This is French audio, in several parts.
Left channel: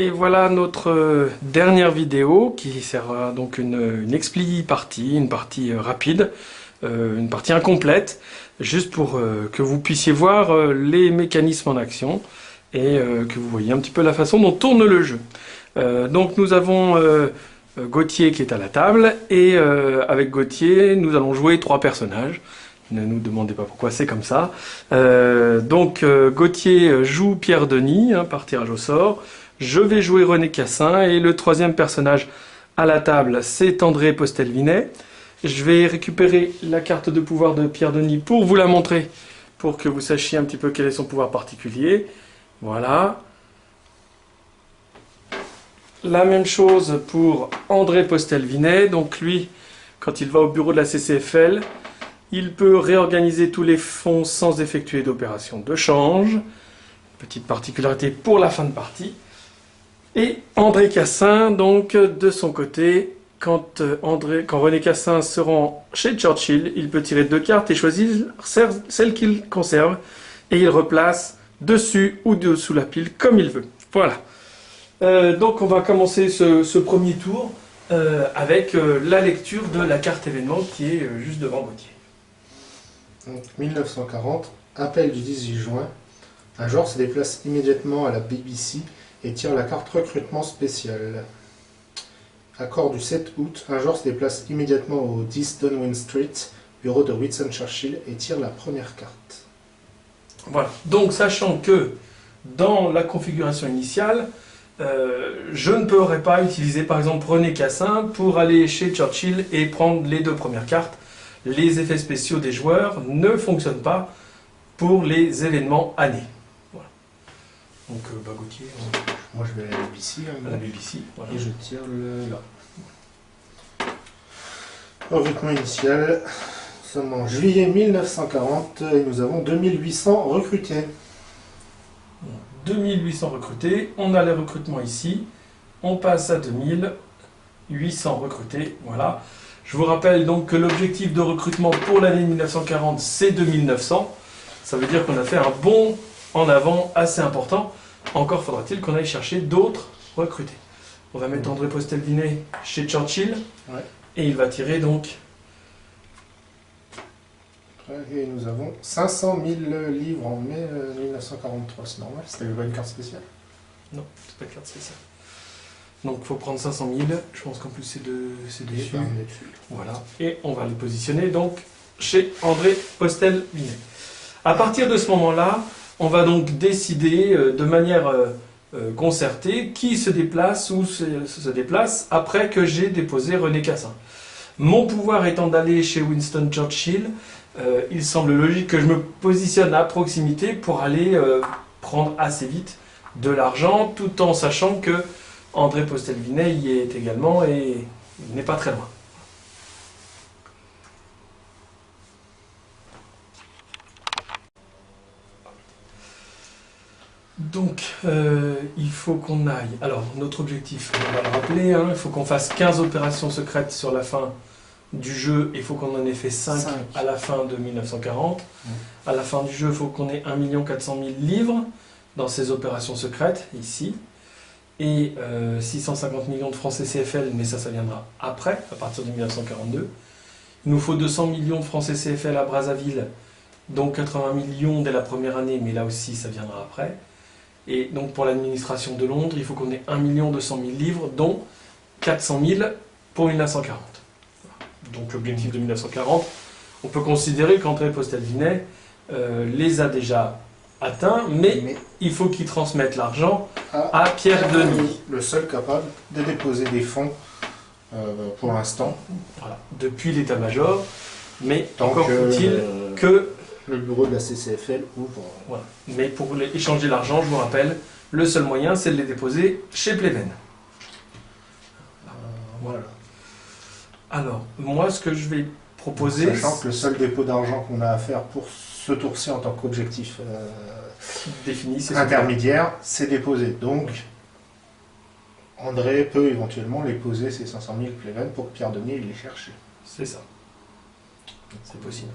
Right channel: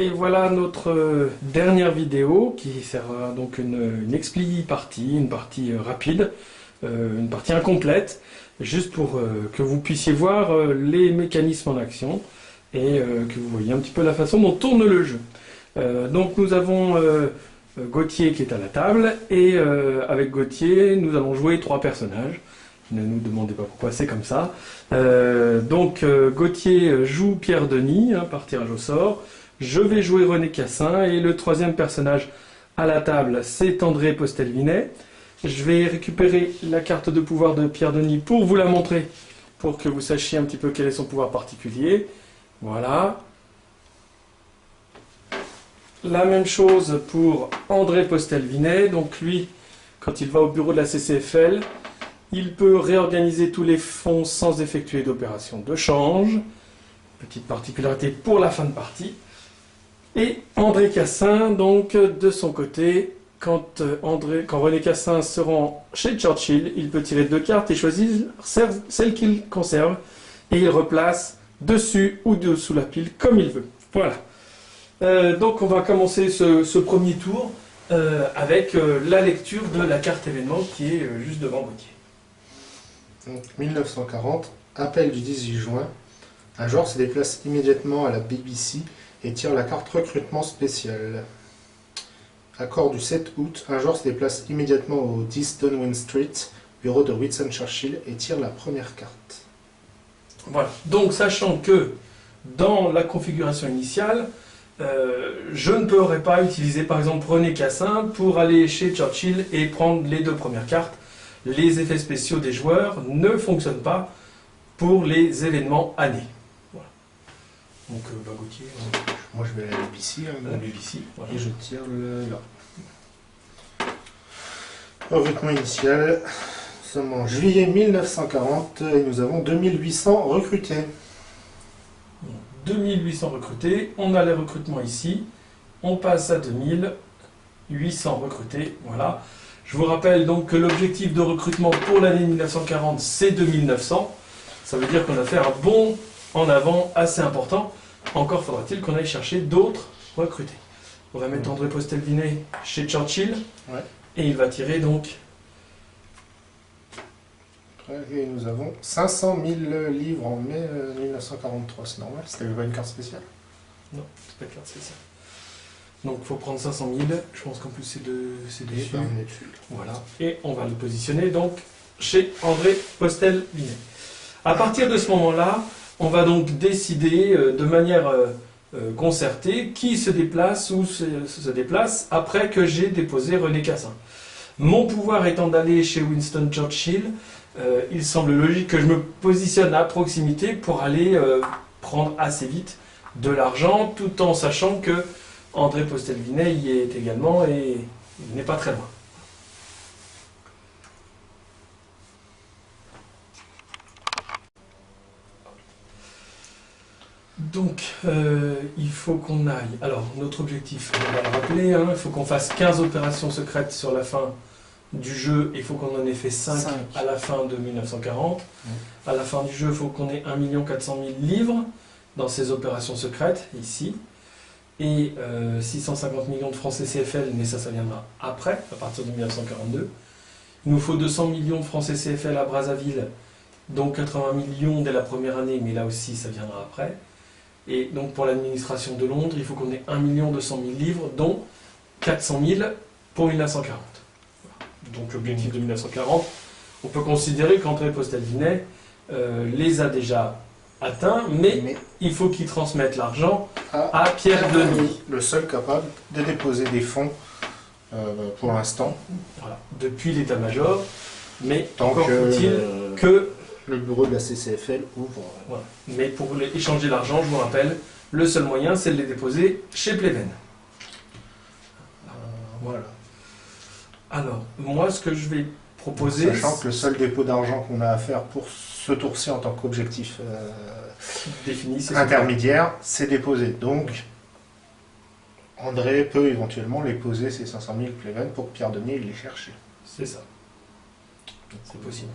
Et voilà notre dernière vidéo qui sera donc une expli partie, une partie rapide, une partie incomplète, juste pour que vous puissiez voir les mécanismes en action et que vous voyez un petit peu la façon dont tourne le jeu. Donc nous avons Gauthier qui est à la table et avec Gauthier nous allons jouer 3 personnages. Ne nous demandez pas pourquoi c'est comme ça. Gauthier joue Pierre Denis par tirage au sort. Je vais jouer René Cassin et le 3e personnage à la table, c'est André Postelvinet. Je vais récupérer la carte de pouvoir de Pierre Denis pour vous la montrer, pour que vous sachiez un petit peu quel est son pouvoir particulier. Voilà. La même chose pour André Postelvinet. Donc lui, quand il va au bureau de la CCFL, il peut réorganiser tous les fonds sans effectuer d'opération de change. Petite particularité pour la fin de partie. Et André Cassin, donc, de son côté, quand René Cassin se rend chez Churchill, il peut tirer 2 cartes et choisir celle qu'il conserve, et il replace dessus ou dessous la pile, comme il veut. Voilà. Donc on va commencer ce premier tour avec la lecture de la carte événement qui est juste devant Gauthier. Donc 1940, appel du 18 juin. Un joueur se déplace immédiatement à la BBC et tire la carte recrutement spécial. Accord du 7 août, un joueur se déplace immédiatement au 10 Donwyn Street, bureau de Winston Churchill, et tire la première carte. Voilà, donc sachant que dans la configuration initiale, je ne pourrais pas utiliser par exemple René Cassin pour aller chez Churchill et prendre les 2 premières cartes. Les effets spéciaux des joueurs ne fonctionnent pas pour les événements annés. Voilà. Donc Gauthier... Moi je vais à la BBC. À la BBC, voilà. Et je tire là. Recrutement initial. Nous sommes en juillet 1940 et nous avons 2800 recrutés. 2800 recrutés, on a les recrutements ici, on passe à 2800 recrutés, voilà. Je vous rappelle donc que l'objectif de recrutement pour l'année 1940, c'est 2900. Ça veut dire qu'on a fait un bond en avant assez important. Encore faudra-t-il qu'on aille chercher d'autres recrutés. On va mettre André Postelvinet chez Churchill, ouais. Et il va tirer donc... Et nous avons 500 000 livres en mai 1943, c'est normal, c'était pas une carte spéciale? Non, c'est pas une carte spéciale. Donc il faut prendre 500 000, je pense qu'en plus c'est dessus. Voilà, et on va le positionner donc chez André Postelvinet. À partir de ce moment-là, on va donc décider de manière concertée qui se déplace ou se déplace après que j'ai déposé René Cassin. Mon pouvoir étant d'aller chez Winston Churchill, il semble logique que je me positionne à proximité pour aller prendre assez vite de l'argent, tout en sachant que André Postelvinet y est également et il n'est pas très loin. Donc, il faut qu'on aille... Alors, notre objectif, on va le rappeler, hein, il faut qu'on fasse 15 opérations secrètes sur la fin du jeu, il faut qu'on en ait fait 5 à la fin de 1940. À la fin du jeu, il faut qu'on ait 1 400 000 livres dans ces opérations secrètes, ici. Et 650 millions de francs CCFL, mais ça viendra après, à partir de 1942. Il nous faut 200 millions de francs CCFL à Brazzaville, dont 80 millions dès la première année, mais là aussi, ça viendra après. Et donc pour l'administration de Londres, il faut qu'on ait 1 200 000 livres, dont 400 000 pour 1940. Donc l'objectif de 1940, on peut considérer qu'André Postelvinet les a déjà atteints, mais il faut qu'il transmette l'argent à Pierre Denis. Le seul capable de déposer des fonds pour l'instant. Voilà, depuis l'état-major, mais encore faut-il que... Le bureau de la CCFL ouvre. Voilà. Mais pour échanger l'argent, je vous rappelle, le seul moyen, c'est de les déposer chez Pleven. Voilà. Alors, moi, ce que je vais proposer... Sachant que le seul dépôt d'argent qu'on a à faire pour ce tour-ci en tant qu'objectif défini, intermédiaire, c'est déposer. Donc, André peut éventuellement les poser, ces 500 000 Pleven, pour que Pierre Denis les cherche. C'est ça. C'est possible.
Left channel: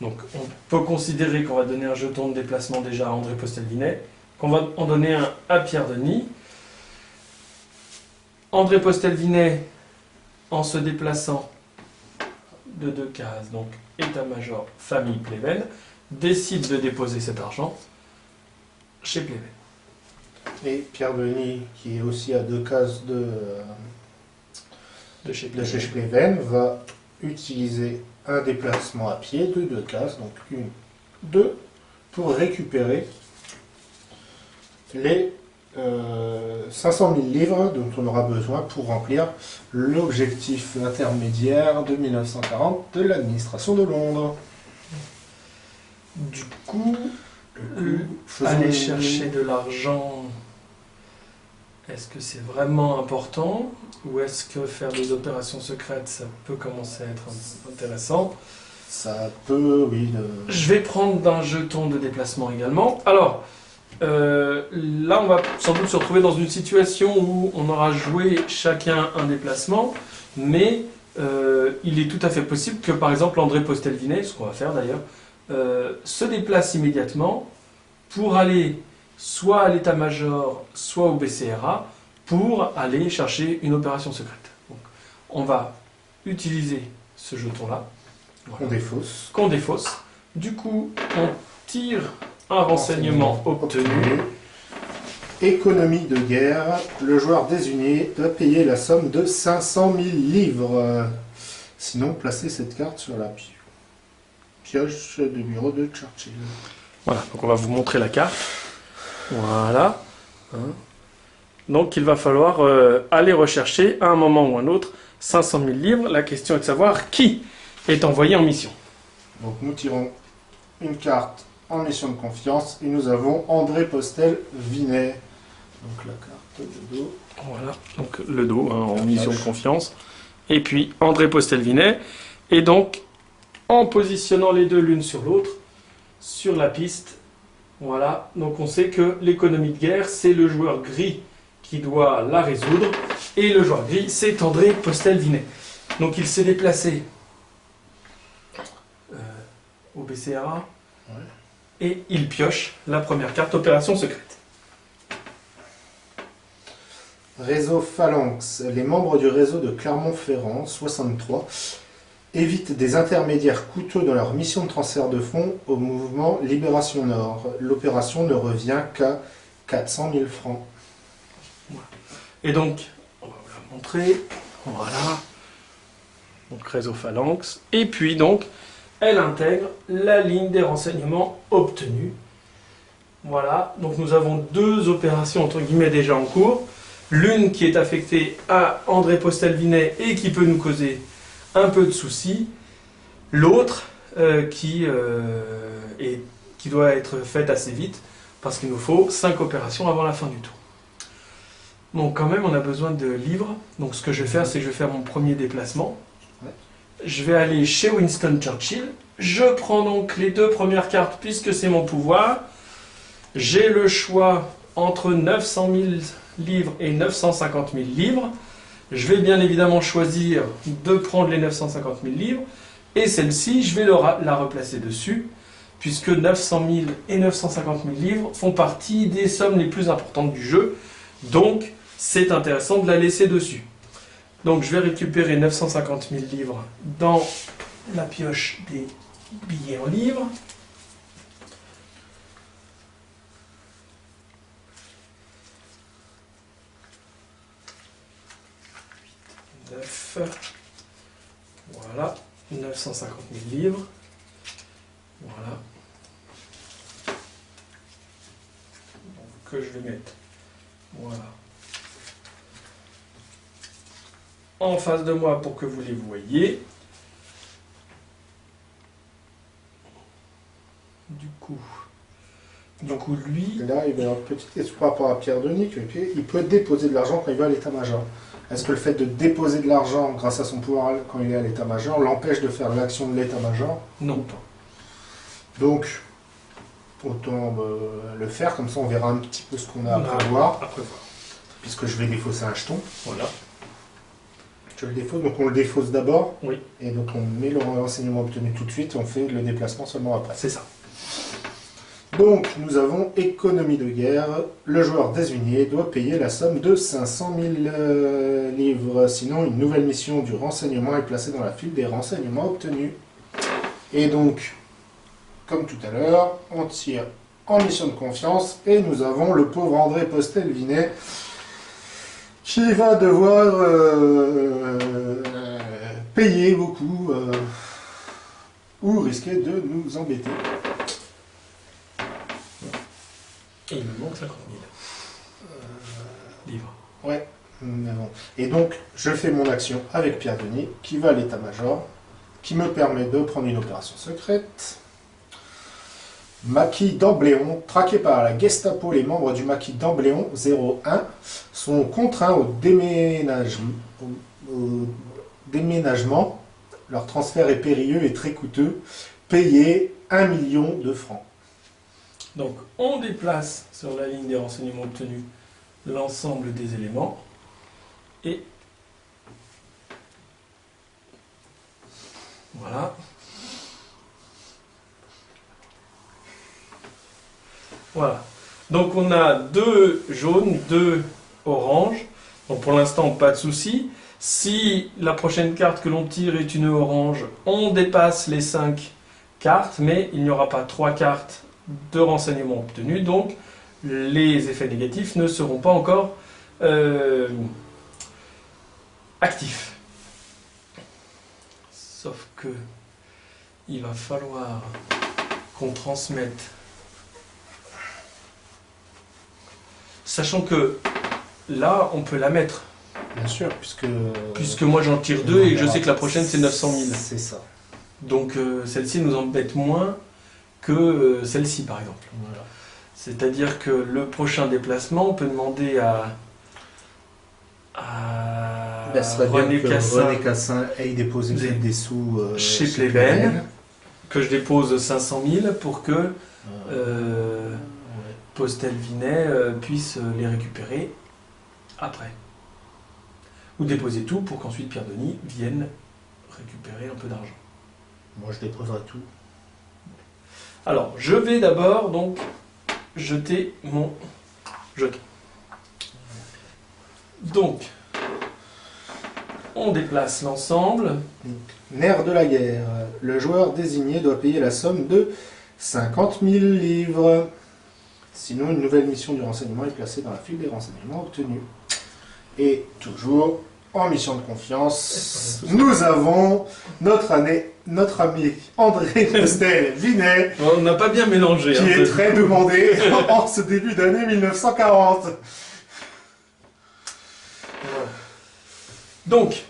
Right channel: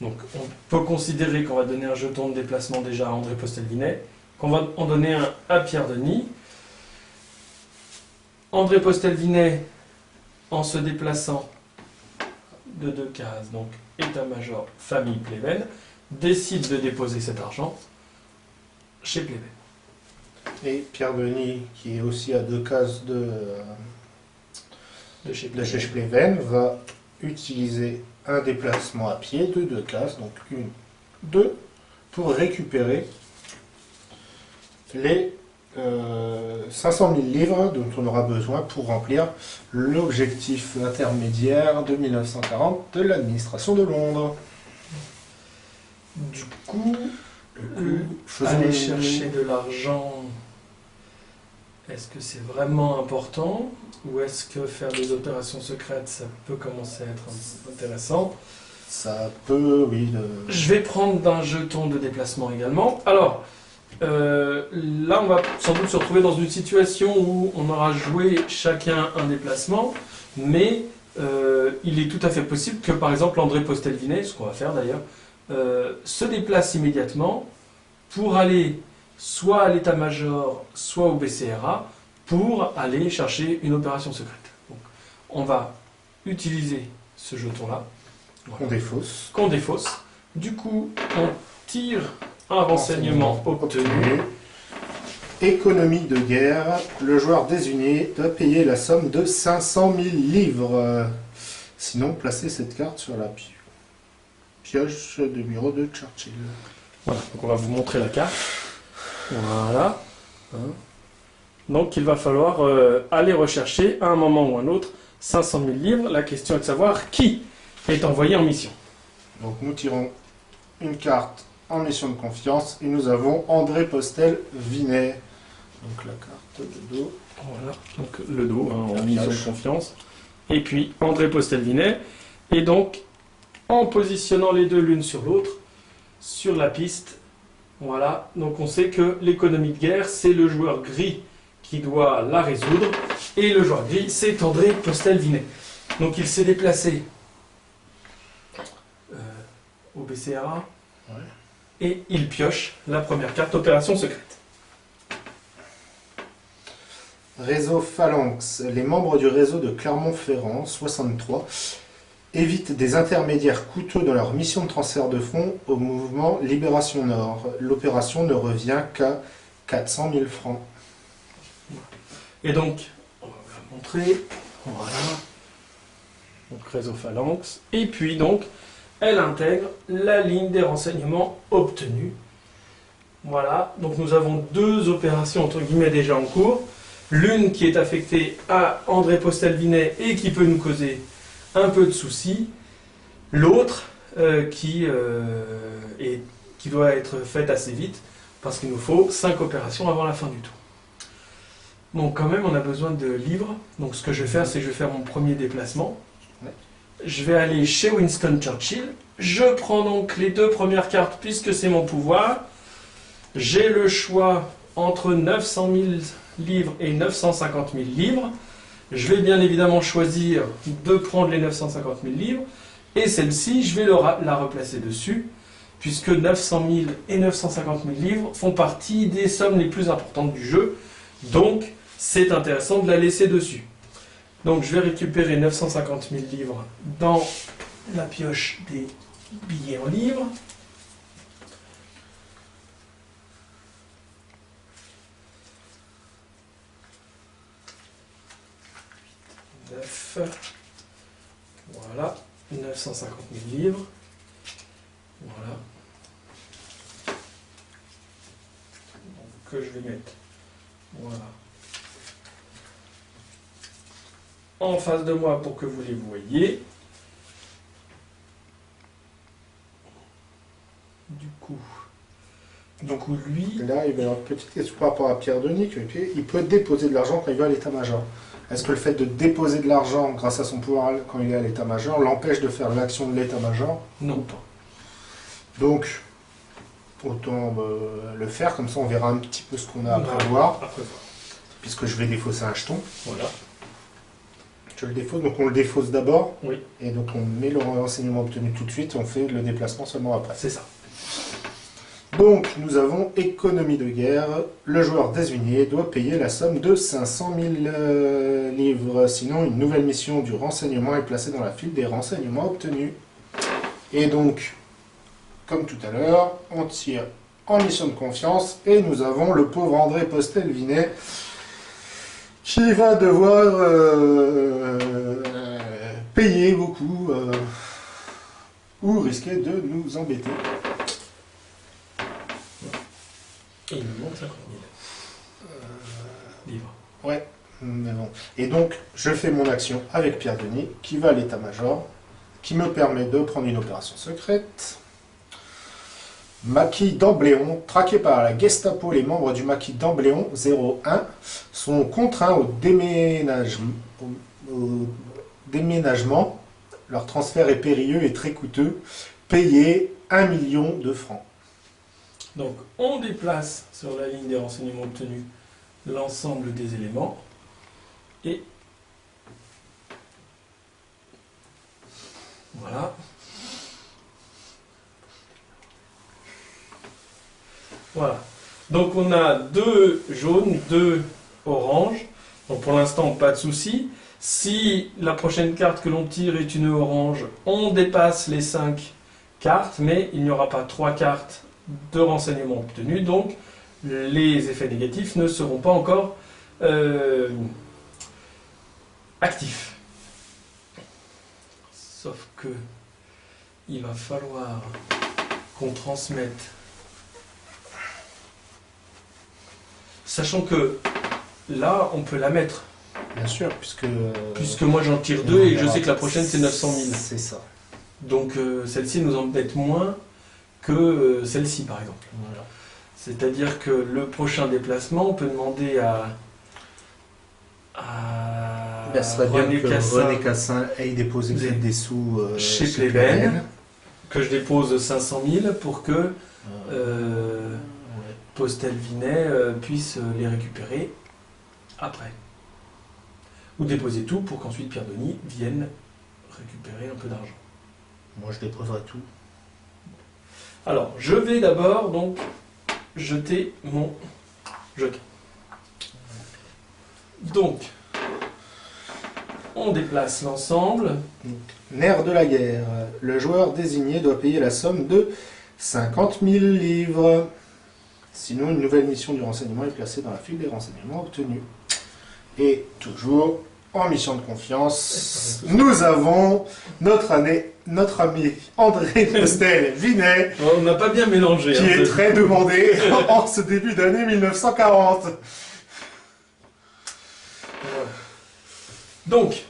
Donc, on peut considérer qu'on va donner un jeton de déplacement déjà à André Postelvinet, qu'on va en donner un à Pierre Denis. André Postel-Vinet, en se déplaçant de 2 cases, donc état-major, famille Pleven, décide de déposer cet argent chez Pleven. Et Pierre Denis, qui est aussi à 2 cases de chez Pleven, va utiliser un déplacement à pied de 2 cases, donc 1, 2, pour récupérer les 500 000 livres dont on aura besoin pour remplir l'objectif intermédiaire de 1940 de l'administration de Londres. Du coup, aller chercher de l'argent, est-ce que c'est vraiment important ou est-ce que faire des opérations secrètes, ça peut commencer à être intéressant? Ça peut, oui. Je vais prendre un jeton de déplacement également. Alors, là, on va sans doute se retrouver dans une situation où on aura joué chacun un déplacement, mais il est tout à fait possible que, par exemple, André Postel-Vinet, ce qu'on va faire d'ailleurs, se déplace immédiatement pour aller soit à l'état-major, soit au BCRA, pour aller chercher une opération secrète. Donc, on va utiliser ce jeton-là. Voilà. Qu'on défausse. Du coup, on tire un renseignement obtenu. Économie de guerre. Le joueur désigné doit payer la somme de 500 000 livres. Sinon, placez cette carte sur la pioche de bureau de Churchill. Voilà, donc on va vous montrer la carte. Voilà. Donc il va falloir aller rechercher à un moment ou un autre 500 000 livres. La question est de savoir qui est envoyé en mission. Donc nous tirons une carte en mission de confiance et nous avons André Postel-Vinet. Donc la carte de dos. Voilà, donc le dos en mission de confiance. Et puis André Postel-Vinet. Et donc en positionnant les deux l'une sur l'autre, sur la piste, voilà, donc on sait que l'économie de guerre, c'est le joueur gris qui doit la résoudre, et le joueur gris, c'est André Postel-Vinet. Donc il s'est déplacé au BCRA, ouais. Et il pioche la première carte opération secrète. Réseau Phalanx. Les membres du réseau de Clermont-Ferrand, 63, évitent des intermédiaires coûteux dans leur mission de transfert de fonds au mouvement Libération Nord. L'opération ne revient qu'à 400 000 francs. Et donc, on va vous la montrer. Voilà. Donc, réseau Phalanx. Et puis, donc, elle intègre la ligne des renseignements obtenus. Voilà. Donc, nous avons 2 opérations, entre guillemets, déjà en cours. L'une qui est affectée à André Postel-Vinet et qui peut nous causer un peu de soucis, l'autre qui doit être faite assez vite parce qu'il nous faut 5 opérations avant la fin du tour. Donc quand même on a besoin de livres, donc ce que je vais faire c'est que je vais faire mon premier déplacement. Ouais. Je vais aller chez Winston Churchill, je prends donc les 2 premières cartes puisque c'est mon pouvoir. J'ai le choix entre 900 000 livres et 950 000 livres. Je vais bien évidemment choisir de prendre les 950 000 livres et celle-ci, je vais la replacer dessus puisque 900 000 et 950 000 livres font partie des sommes les plus importantes du jeu. Donc, c'est intéressant de la laisser dessus. Donc, je vais récupérer 950 000 livres dans la pioche des billets en livres. Voilà, 950 000 livres. Voilà. Donc, que je vais mettre. Voilà. En face de moi pour que vous les voyez. Du coup, lui... Là, il y a une petite question par rapport à Pierre Denis. Il peut déposer de l'argent quand il va à l'état-major. Est-ce que le fait de déposer de l'argent grâce à son pouvoir quand il est à l'état-major l'empêche de faire l'action de l'état-major? Non, pas. Donc, autant le faire, comme ça on verra un petit peu ce qu'on a à prévoir. Puisque je vais défausser un jeton. Voilà. Je le défausse, donc on le défausse d'abord. Oui. Et donc on met le renseignement obtenu tout de suite et on fait le déplacement seulement après. C'est ça. Donc, nous avons économie de guerre. Le joueur désigné doit payer la somme de 500 000 livres. Sinon, une nouvelle mission du renseignement est placée dans la file des renseignements obtenus. Et donc, comme tout à l'heure, on tire en mission de confiance. Et nous avons le pauvre André Postel-Vinet qui va devoir payer beaucoup ou risquer de nous embêter. Et il me manque 50 000 livres. Ouais, mais bon. Et donc, je fais mon action avec Pierre-Denis, qui va à l'état-major, qui me permet de prendre une opération secrète. Maquis d'Ambléon, traqué par la Gestapo, les membres du maquis d'Ambléon 01 sont contraints au déménagement. Leur transfert est périlleux et très coûteux. Payé 1 million de francs. Donc, on déplace sur la ligne des renseignements obtenus l'ensemble des éléments et voilà. Voilà. Donc, on a 2 jaunes, 2 oranges. Donc, pour l'instant, pas de souci. Si la prochaine carte que l'on tire est une orange, on dépasse les 5 cartes, mais il n'y aura pas 3 cartes de renseignements obtenus, donc les effets négatifs ne seront pas encore actifs. Sauf que il va falloir qu'on transmette, sachant que là on peut la mettre. Bien sûr, puisque moi j'en tire 2 et je sais que la prochaine c'est 900 000. C'est ça. Donc celle-ci nous embête moins que celle-ci par exemple. Voilà. C'est-à-dire que le prochain déplacement, on peut demander à René Cassin ait déposé des sous chez Plébène, que je dépose 500 000 pour que Postel-Vinet puisse les récupérer après. Ou déposer tout pour qu'ensuite Pierre-Denis vienne récupérer un peu d'argent. Moi je déposerai tout. Alors, je vais d'abord donc jeter mon jeton. Donc, on déplace l'ensemble. Nerf de la guerre. Le joueur désigné doit payer la somme de 50 000 livres. Sinon, une nouvelle mission du renseignement est placée dans la file des renseignements obtenus. Et toujours en mission de confiance, nous avons notre ami André Postel-Vinet. On n'a pas bien mélangé. Qui est très demandé en ce début d'année 1940. Voilà. Donc,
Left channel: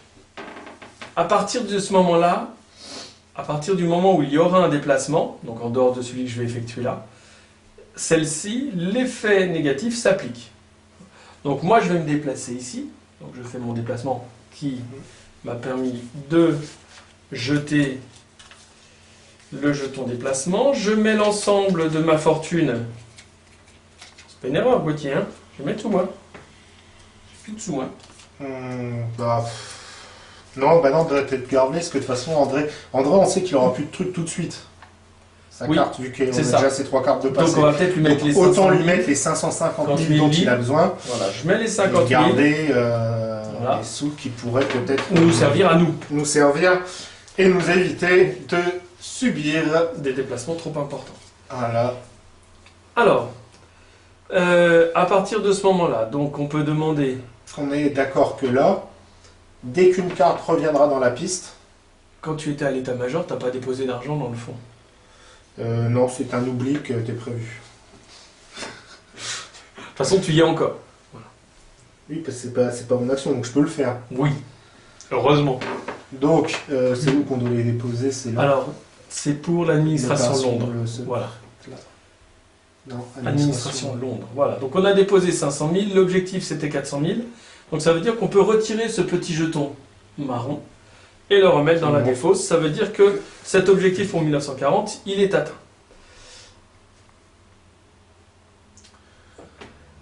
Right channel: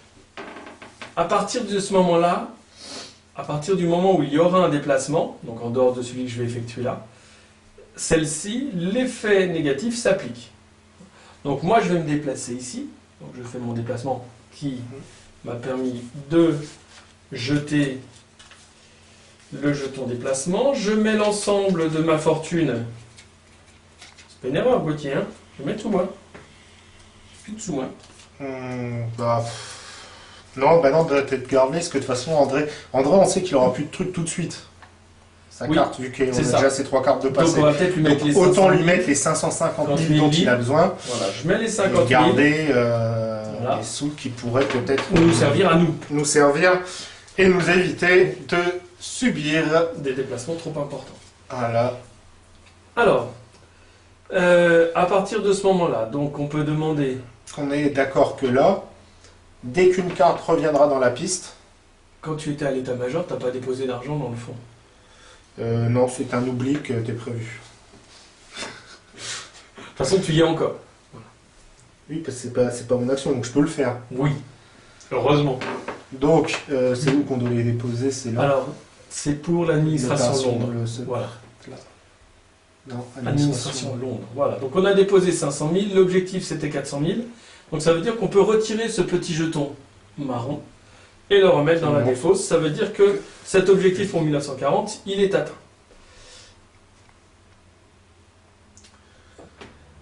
à partir de ce moment-là, à partir du moment où il y aura un déplacement, donc en dehors de celui que je vais effectuer là, celle-ci, l'effet négatif s'applique. Donc moi je vais me déplacer ici, donc je fais mon déplacement qui m'a permis de jeter le jeton déplacement. Je mets l'ensemble de ma fortune. C'est pas une erreur, Gauthier, hein. Je vais mettre sous moi. J'ai plus de sous moi. Non, doit être gardé, parce que de toute façon, André, on sait qu'il aura plus de trucs tout de suite. Sa carte, vu qu'on a déjà ses 3 cartes de passé. Donc on va peut-être lui mettre les 500 000. Autant lui mettre les 550 000 dont il a besoin. Voilà, je mets les 50 000. Et garder les sous qui pourraient peut-être nous servir à nous. Nous servir et nous éviter de subir des déplacements trop importants. Voilà. Alors, à partir de ce moment-là, donc on peut demander... On est d'accord que là, dès qu'une carte reviendra dans la piste... Quand tu étais à l'état-major, t'as pas déposé d'argent dans le fond. Non, c'est un oubli que t'es prévu. De toute façon, tu y es encore. Voilà. Oui, parce que c'est pas mon action, donc je peux le faire. Oui, heureusement. Donc, c'est où qu'on doit les déposer? C'est là. Alors, c'est pour l'administration Londres. Voilà. Là. Non, administration Londres. Voilà. Donc, on a déposé 500 000. L'objectif, c'était 400 000. Donc, ça veut dire qu'on peut retirer ce petit jeton marron et le remettre dans la défausse. Ça veut dire que cet objectif pour 1940, il est atteint.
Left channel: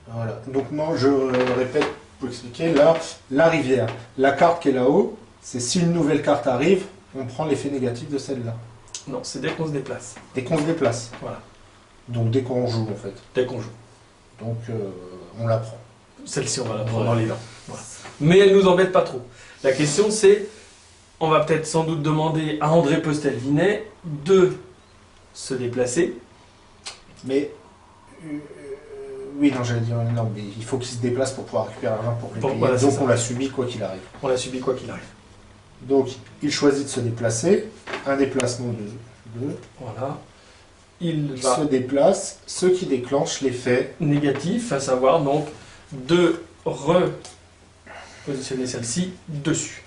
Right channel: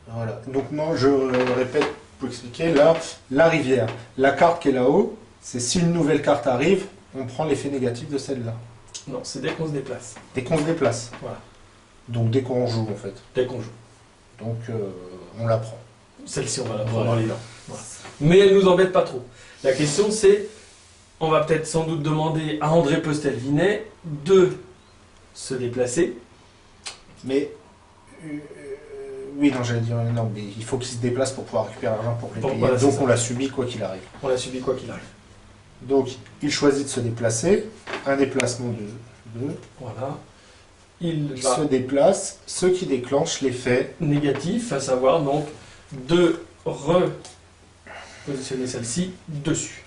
Voilà. Donc non, je répète pour expliquer, là, la rivière. La carte qui est là-haut, c'est si une nouvelle carte arrive, on prend l'effet négatif de celle-là. Non, c'est dès qu'on se déplace. Dès qu'on se déplace. Voilà. Donc dès qu'on joue en fait. Dès qu'on joue. Donc on la prend. Celle-ci, on va la prendre dans les dents. Voilà. Mais elle nous embête pas trop. La question c'est, on va peut-être sans doute demander à André Postel-Vinet de se déplacer. Mais oui, non, j'allais dire non, mais il faut qu'il se déplace pour pouvoir récupérer l'argent pour les payer. Voilà, donc on l'a subi quoi qu'il arrive. On l'a subi quoi qu'il arrive. Donc il choisit de se déplacer. Un déplacement de 2. Voilà. Il Il va se déplace. Ce qui déclenche l'effet négatif, à savoir donc de repositionner celle-ci dessus.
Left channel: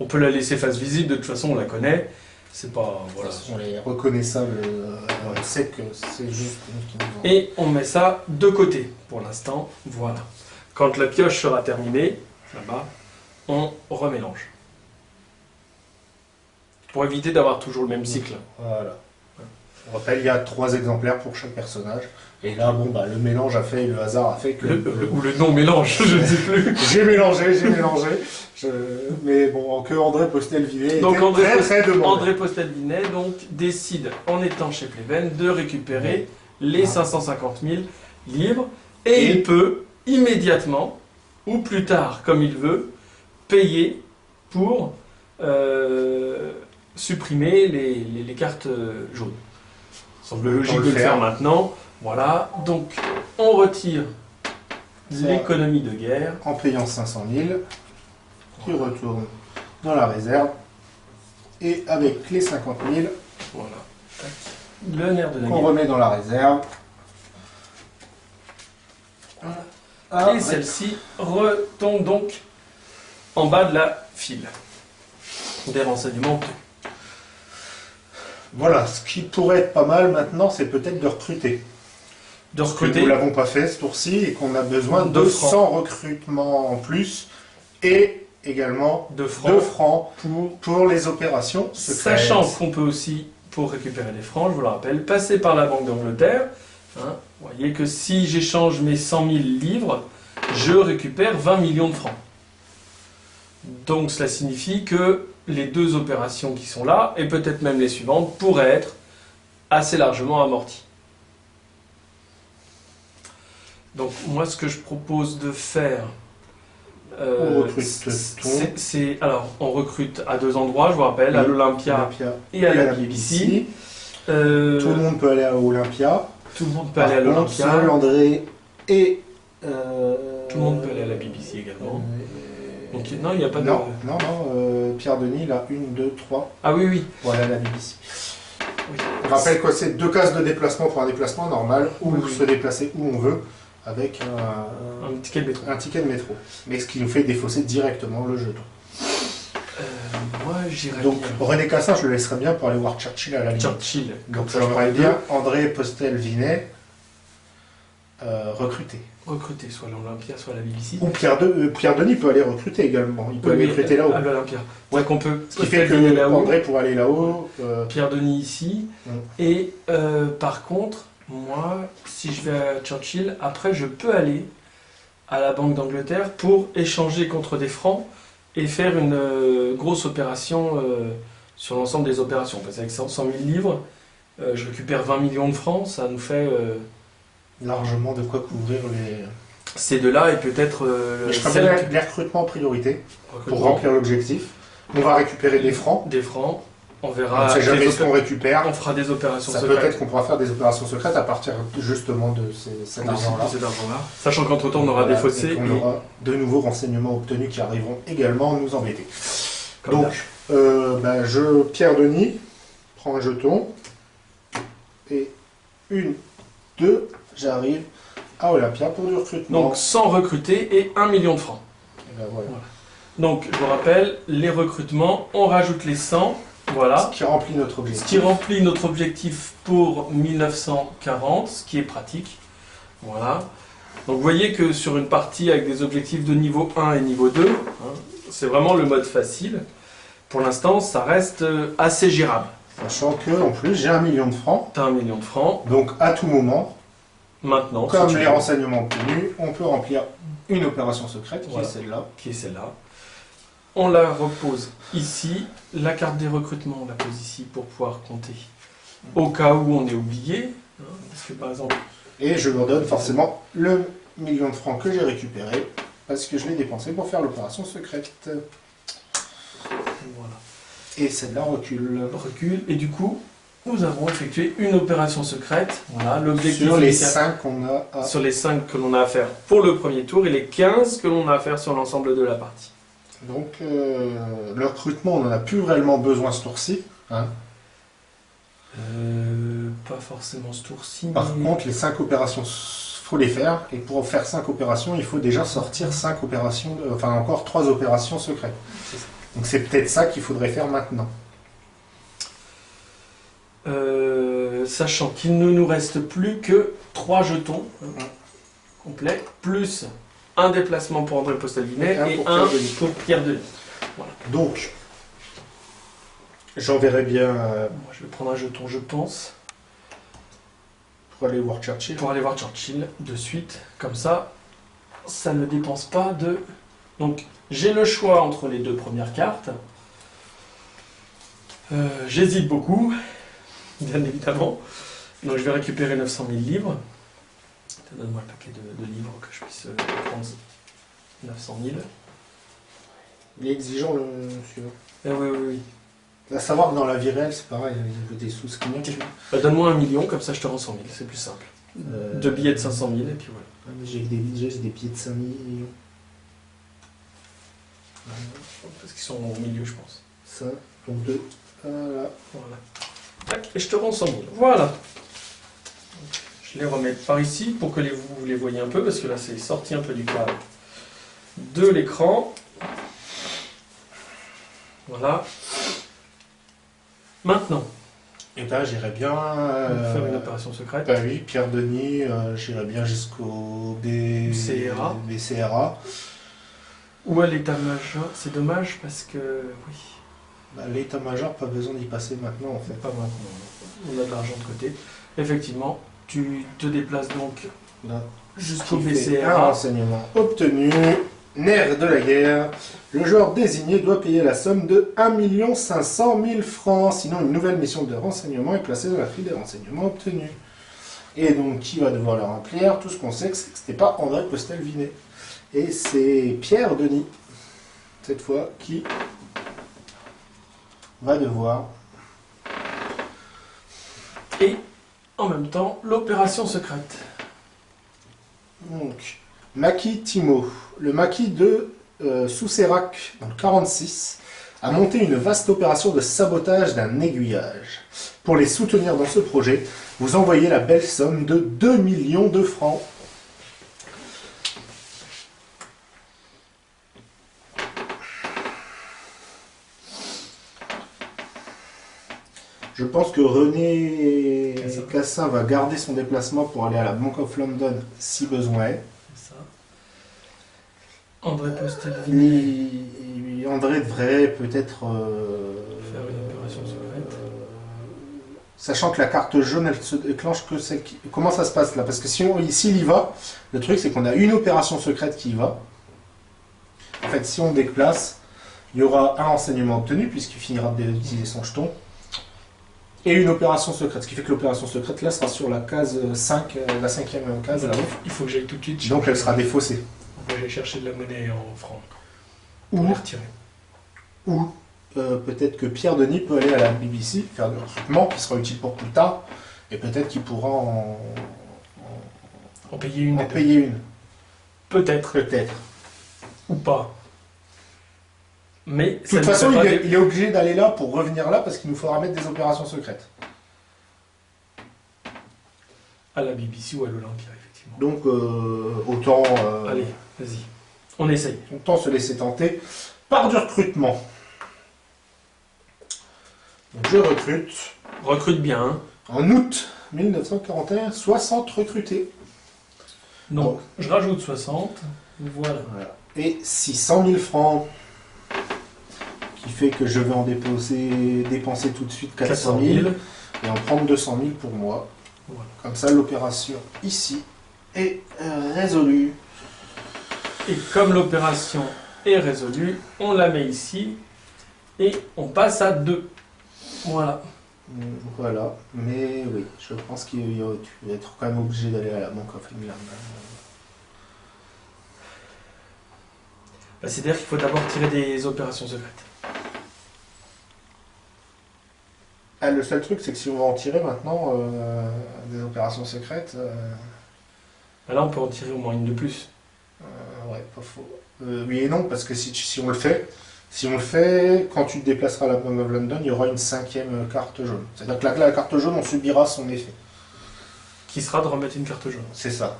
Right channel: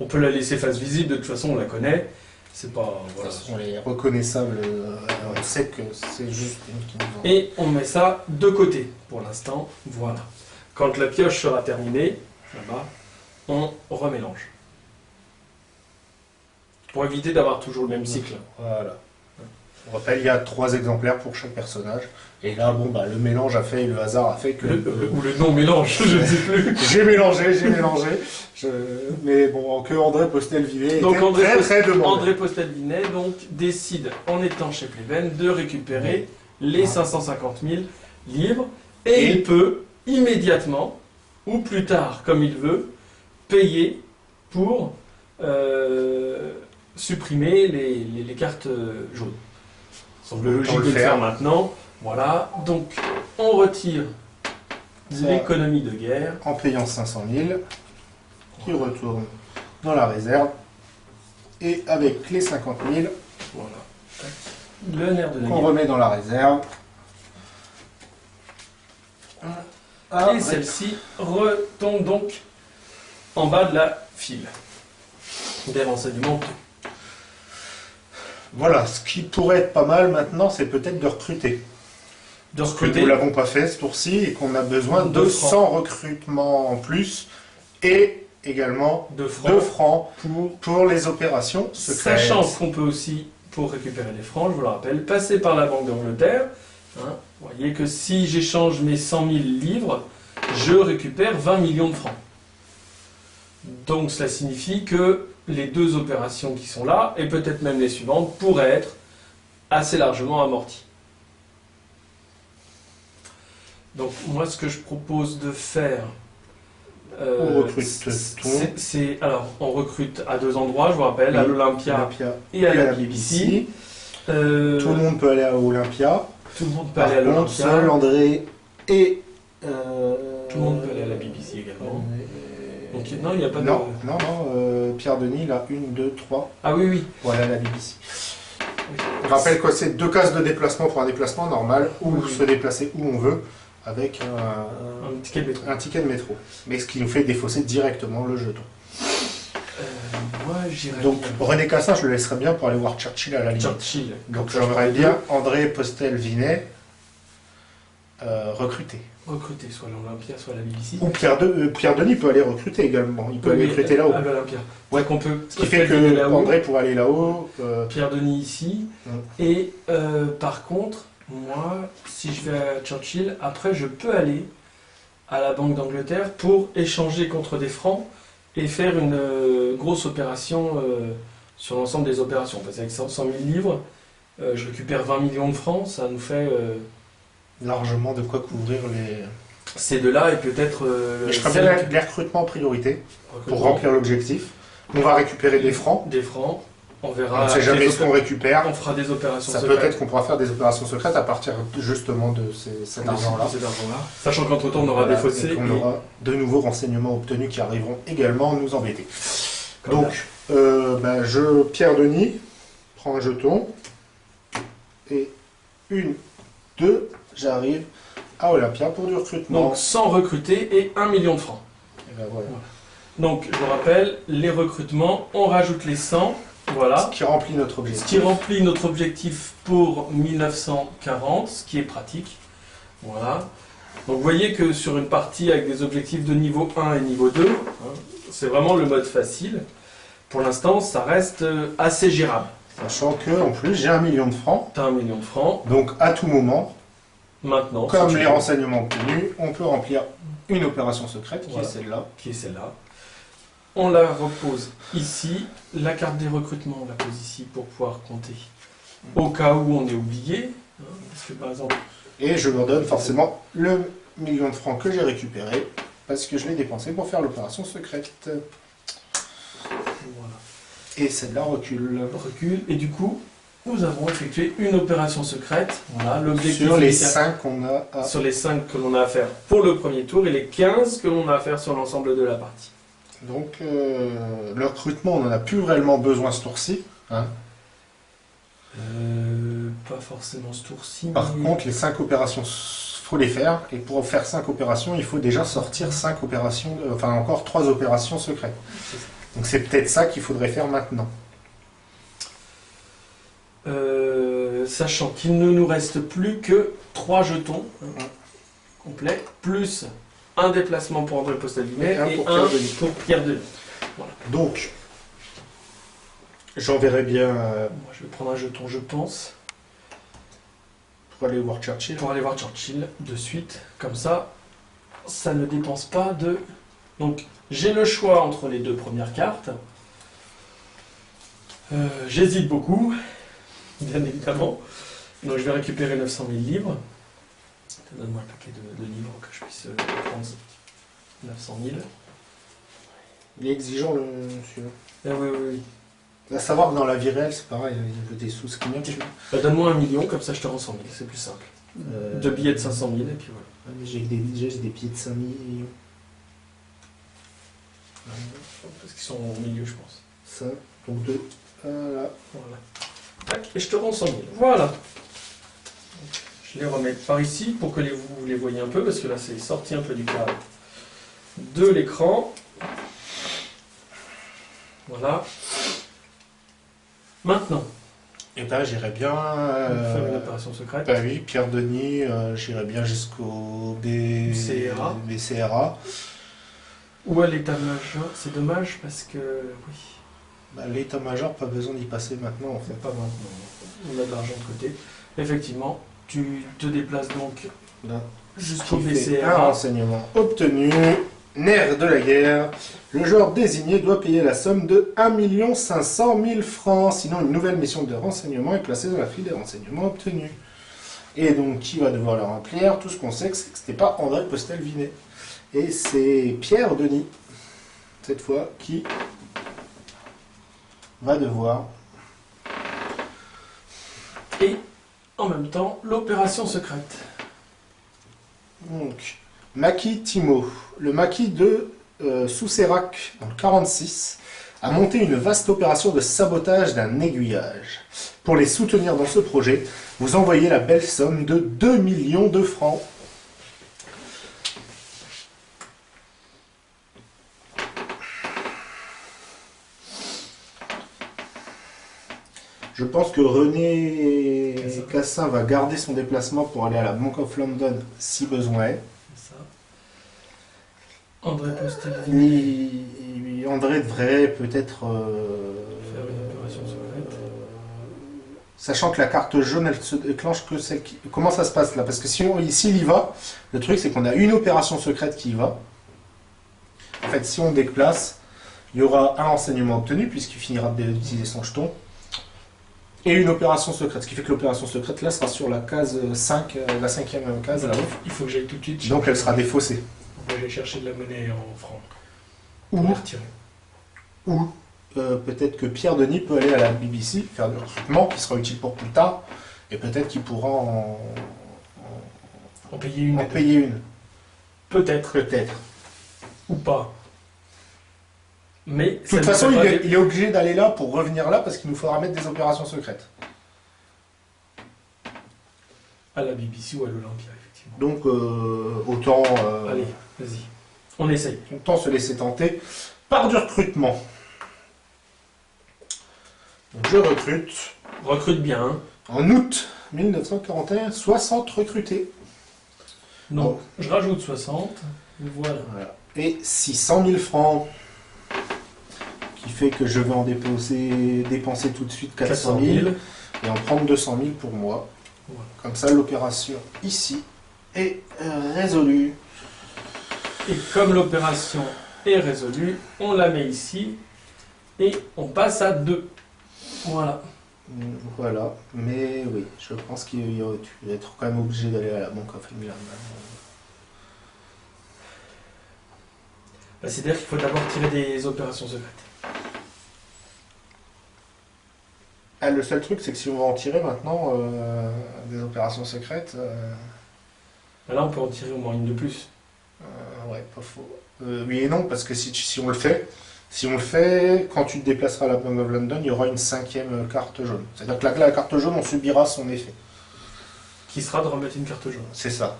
On peut la laisser face visible, de toute façon on la connaît. C'est pas. Voilà. on est reconnaissable. On sait que c'est juste une qui nous en... Et on met ça de côté pour l'instant. Voilà. Quand la pioche sera terminée, là-bas, on remélange. Pour éviter d'avoir toujours le même cycle. Voilà. On rappelle, il y a 3 exemplaires pour chaque personnage. Et là, bon, bah, le mélange a fait, le hasard a fait que... Ou le non-mélange, je ne sais plus. J'ai mélangé. Mais bon, que André Postel-Vinet Donc était très demandé. André Postel-Vinet donc, décide, en étant chez Pleven, de récupérer les 550 000 livres. Et il peut immédiatement, ou plus tard, comme il veut, payer pour supprimer les cartes jaunes. Il semble logique de le faire maintenant. Voilà, donc on retire l'économie de guerre. En payant 500 000, qui retourne dans la réserve. Et avec les 50 000, Voilà. Le nerf de la qu'on guerre. remet dans la réserve. Et celle-ci retombe donc en bas de la file des renseignements. Voilà, ce qui pourrait être pas mal maintenant, c'est peut-être de recruter. De Parce que recruter. nous ne l'avons pas fait ce tour-ci et qu'on a besoin de 100 recrutements en plus et également 2 francs pour les opérations secrètes. Sachant qu'on peut aussi, pour récupérer les francs, je vous le rappelle, passer par la Banque d'Angleterre. Hein, vous voyez que si j'échange mes 100 000 livres, je récupère 20 millions de francs. Donc cela signifie que les 2 opérations qui sont là, et peut-être même les suivantes, pourraient être assez largement amorties. Donc moi ce que je propose de faire, On recrute alors on recrute à 2 endroits, je vous rappelle, à l'Olympia et à la BBC. Tout le monde peut aller à Olympia. Tout le monde peut aller à l'Olympia. Seul André et... Tout le monde peut aller à la BBC également. Donc non, il n'y a pas de... Non, Pierre Denis, il a 1, 2, 3 Ah oui, oui. pour aller à la BBC. Oui. Je rappelle que c'est 2 cases de déplacement pour un déplacement normal, ou se déplacer où on veut, avec un ticket de métro. Un ticket de métro. Mais ce qui nous fait défausser directement le jeton. Moi, j'irais Donc bien. René Cassin, je le laisserais bien pour aller voir Churchill à la limite. Churchill. Donc j'aimerais bien André Postel-Vinet recruter. Recruter soit à l'Olympia, soit à la BBC. Ou Pierre Denis peut aller recruter également. Il peut aller recruter là-haut. À l'Olympia. Ouais, qu'on peut. Ce qui fait que André pourrait aller là-haut. Pierre Denis ici. Et par contre, moi, si je vais à Churchill, après je peux aller à la Banque d'Angleterre pour échanger contre des francs et faire une grosse opération sur l'ensemble des opérations. Parce qu'avec 100 000 livres, je récupère 20 millions de francs, ça nous fait... largement de quoi couvrir les... Ces deux-là et peut-être... je ferais les recrutements en priorité pour remplir l'objectif. On va récupérer des francs. Des francs. On verra. On ne sait jamais ce qu'on récupère. On fera des opérations secrètes. Ça peut être qu'on pourra faire des opérations secrètes à partir justement de cet argent-là. Sachant qu'entre-temps, on aura des fossés. On aura de nouveaux renseignements obtenus qui arriveront également nous embêter. Comme donc, Pierre Denis prend un jeton. Et 1, 2, j'arrive à Olympia pour du recrutement. Donc 100 recrutés et 1 million de francs. Et ben voilà. Donc, je vous rappelle, les recrutements, on rajoute les 100. Voilà. Ce qui remplit notre objectif. Ce qui remplit notre objectif pour 1940, ce qui est pratique. Voilà. Donc vous voyez que sur une partie avec des objectifs de niveau 1 et niveau 2, c'est vraiment le mode facile. Pour l'instant, ça reste assez gérable. Sachant que en plus, j'ai 1 million de francs. Tu as 1 million de francs. Donc à tout moment, maintenant, comme les renseignements obtenus, on peut remplir une opération secrète voilà. Qui est celle-là. On la repose ici. La carte des recrutements, on la pose ici pour pouvoir compter. Au cas où on est oublié, Parce que par exemple... Et je leur donne forcément le million de francs que j'ai récupéré, parce que je l'ai dépensé pour faire l'opération secrète. Voilà. Et celle-là recule. Recule, et du coup, nous avons effectué une opération secrète. Voilà, l'objectif Sur les 5 qu'on a à... Sur les 5 que l'on a à faire pour le premier tour, et les 15 que l'on a à faire sur l'ensemble de la partie. Donc, le recrutement, on n'en a plus réellement besoin ce tour-ci. Hein. Pas forcément ce tour-ci. Par contre, les 5 opérations, faut les faire. Et pour faire 5 opérations, il faut déjà sortir 5 opérations, enfin encore 3 opérations secrètes. Donc c'est peut-être ça qu'il faudrait faire maintenant. Sachant qu'il ne nous reste plus que 3 jetons complets, plus un déplacement pour André Postal-Vinet et un pour Pierre Denis. Voilà. Donc, j'enverrai bien... Moi, je vais prendre un jeton, je pense. Pour aller voir Churchill. Pour aller voir Churchill de suite. Comme ça, ça ne dépense pas de... Donc, j'ai le choix entre les 2 premières cartes. J'hésite beaucoup, bien évidemment. Donc, je vais récupérer 900 000 livres. Donne-moi le paquet de livres que je puisse prendre 900 000. Il est exigeant, le monsieur. Oui, oui, oui. À savoir que dans la vie réelle, c'est pareil, il veut des sous, ce donne-moi 1 million, comme ça je te rends 100 000, c'est plus simple. 2 billets de 500 000, et puis voilà. Ah, mais j'ai des billets de 5 millions. Parce qu'ils sont au milieu, je pense. Ça, donc 2. Voilà. Voilà. Tac, et je te rends 100 000. Voilà. Je les remets par ici pour que vous les voyez un peu, parce que là c'est sorti un peu du cadre de l'écran. Voilà. Maintenant. Et ben j'irai bien... faire une opération secrète. Bah oui, Pierre Denis, j'irai bien jusqu'au BCRA. Ou à l'état-major. C'est dommage parce que... Oui. Bah, l'état-major, pas besoin d'y passer maintenant en fait. Pas maintenant. On a de l'argent de côté. Effectivement, tu te déplaces donc jusqu'au BCRA. Un renseignement obtenu. Nerf de la guerre. Le joueur désigné doit payer la somme de 1 500 000 francs. Sinon, une nouvelle mission de renseignement est placée dans la file des renseignements obtenus. Et donc, qui va devoir le remplir? Tout ce qu'on sait, c'est que c'était pas André Postal-Vinet. Et c'est Pierre Denis, cette fois, qui va devoir. Et en même temps, l'opération secrète. Donc, Maquis Timo, le maquis de Soucérac, dans le 46, a monté une vaste opération de sabotage d'un aiguillage. Pour les soutenir dans ce projet, vous envoyez la belle somme de 2 millions de francs. Je pense que René Cassin va garder son déplacement pour aller à la Bank of London si besoin est. C'est ça. André Postal-Vinet. André devrait peut-être... faire une opération secrète. Sachant que la carte jaune, elle se déclenche que celle qui... Comment ça se passe là? Parce que s'il y va, le truc c'est qu'on a une opération secrète qui y va. En fait, si on déplace, il y aura un renseignement obtenu puisqu'il finira d'utiliser son jeton. Et une opération secrète, ce qui fait que l'opération secrète là sera sur la case 5, la 5e case là. Il faut que j'aille tout de suite. Donc elle sera défaussée. On va aller chercher de la monnaie en francs. Ou les retirer. Ou peut-être que Pierre Denis peut aller à la BBC faire du recrutement qui sera utile pour plus tard. Et peut-être qu'il pourra en payer une. En payer une. Peut-être. Peut-être. Ou pas. Mais de toute façon, il est obligé d'aller là pour revenir là parce qu'il nous faudra mettre des opérations secrètes. À la BBC ou à l'Olympia, effectivement. Donc, autant... Allez, vas-y. On essaye. Autant se laisser tenter par du recrutement. Donc, je recrute. Recrute bien. Hein. En août 1941, 60 recrutés. Donc, je rajoute 60. Voilà. Et 600 000 francs. Qui fait que je vais en dépenser tout de suite 400 000 et en prendre 200 000 pour moi. Voilà. Comme ça, l'opération ici est résolue. Et comme l'opération est résolue, on la met ici et on passe à 2. Voilà. Voilà, mais oui, je pense qu'il tu vas être quand même obligé d'aller à la Bank of England. Bah, c'est-à-dire qu'il faut d'abord tirer des opérations secrètes. Ah, le seul truc, c'est que si on va en tirer maintenant des opérations secrètes, Bah, là, on peut en tirer au moins une de plus. ouais, pas faux. Oui et non, parce que si on le fait, quand tu te déplaceras à la Bank of London, il y aura une 5e carte jaune. C'est-à-dire que la carte jaune, on subira son effet. Qui sera de remettre une carte jaune. C'est ça.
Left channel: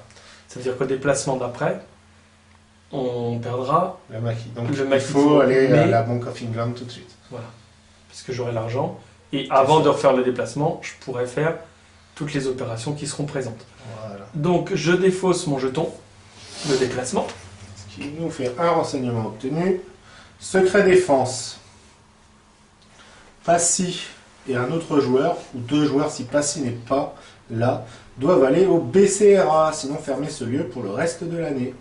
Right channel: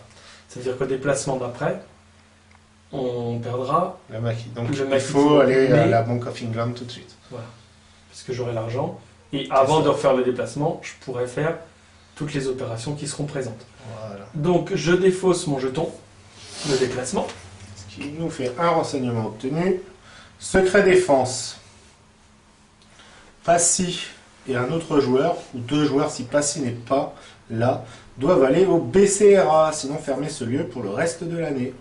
Ça veut dire qu'au déplacement d'après, on perdra Le maquis. Donc le il maquis. faut aller à la Bank of England tout de suite. Voilà. Parce que j'aurai l'argent. Et avant de refaire le déplacement, je pourrai faire toutes les opérations qui seront présentes. Voilà. Donc je défausse mon jeton de déplacement. Ce qui nous fait un renseignement obtenu. Secret défense. Passy et un autre joueur, ou 2 joueurs si Passy n'est pas là, doivent aller au BCRA, sinon fermer ce lieu pour le reste de l'année.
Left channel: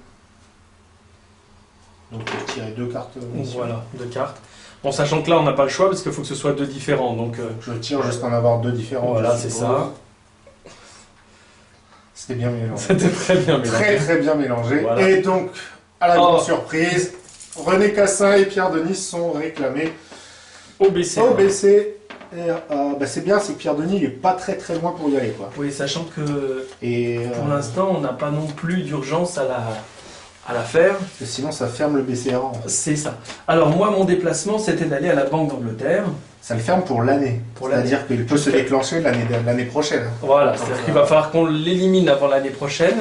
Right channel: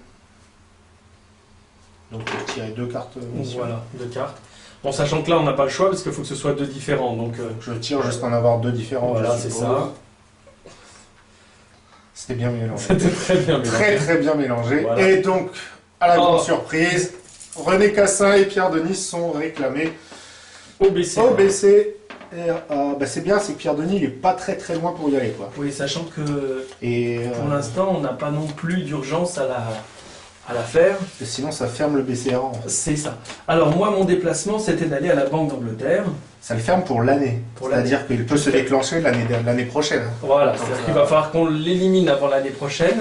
Donc pour tirer 2 cartes. Voilà, 2 cartes. En sachant que là, on n'a pas le choix parce qu'il faut que ce soit 2 différents. Donc, je tire juste en avoir 2 différents. Voilà, c'est ça. C'était bien mélangé. C'était très bien mélangé. Très très bien mélangé. Voilà. Et donc, à la grande surprise, René Cassin et Pierre Denis sont réclamés au BC. Bah, c'est bien, c'est que Pierre Denis il est pas très très loin pour y aller, quoi. Oui, sachant que pour l'instant, on n'a pas non plus d'urgence à la faire. Parce que sinon, ça ferme le BCRA. En fait. C'est ça. Alors moi, mon déplacement, c'était d'aller à la Banque d'Angleterre. Ça le ferme pour l'année. C'est-à-dire qu'il peut se déclencher l'année prochaine. Voilà, c'est-à-dire qu'il va falloir qu'on l'élimine avant l'année prochaine.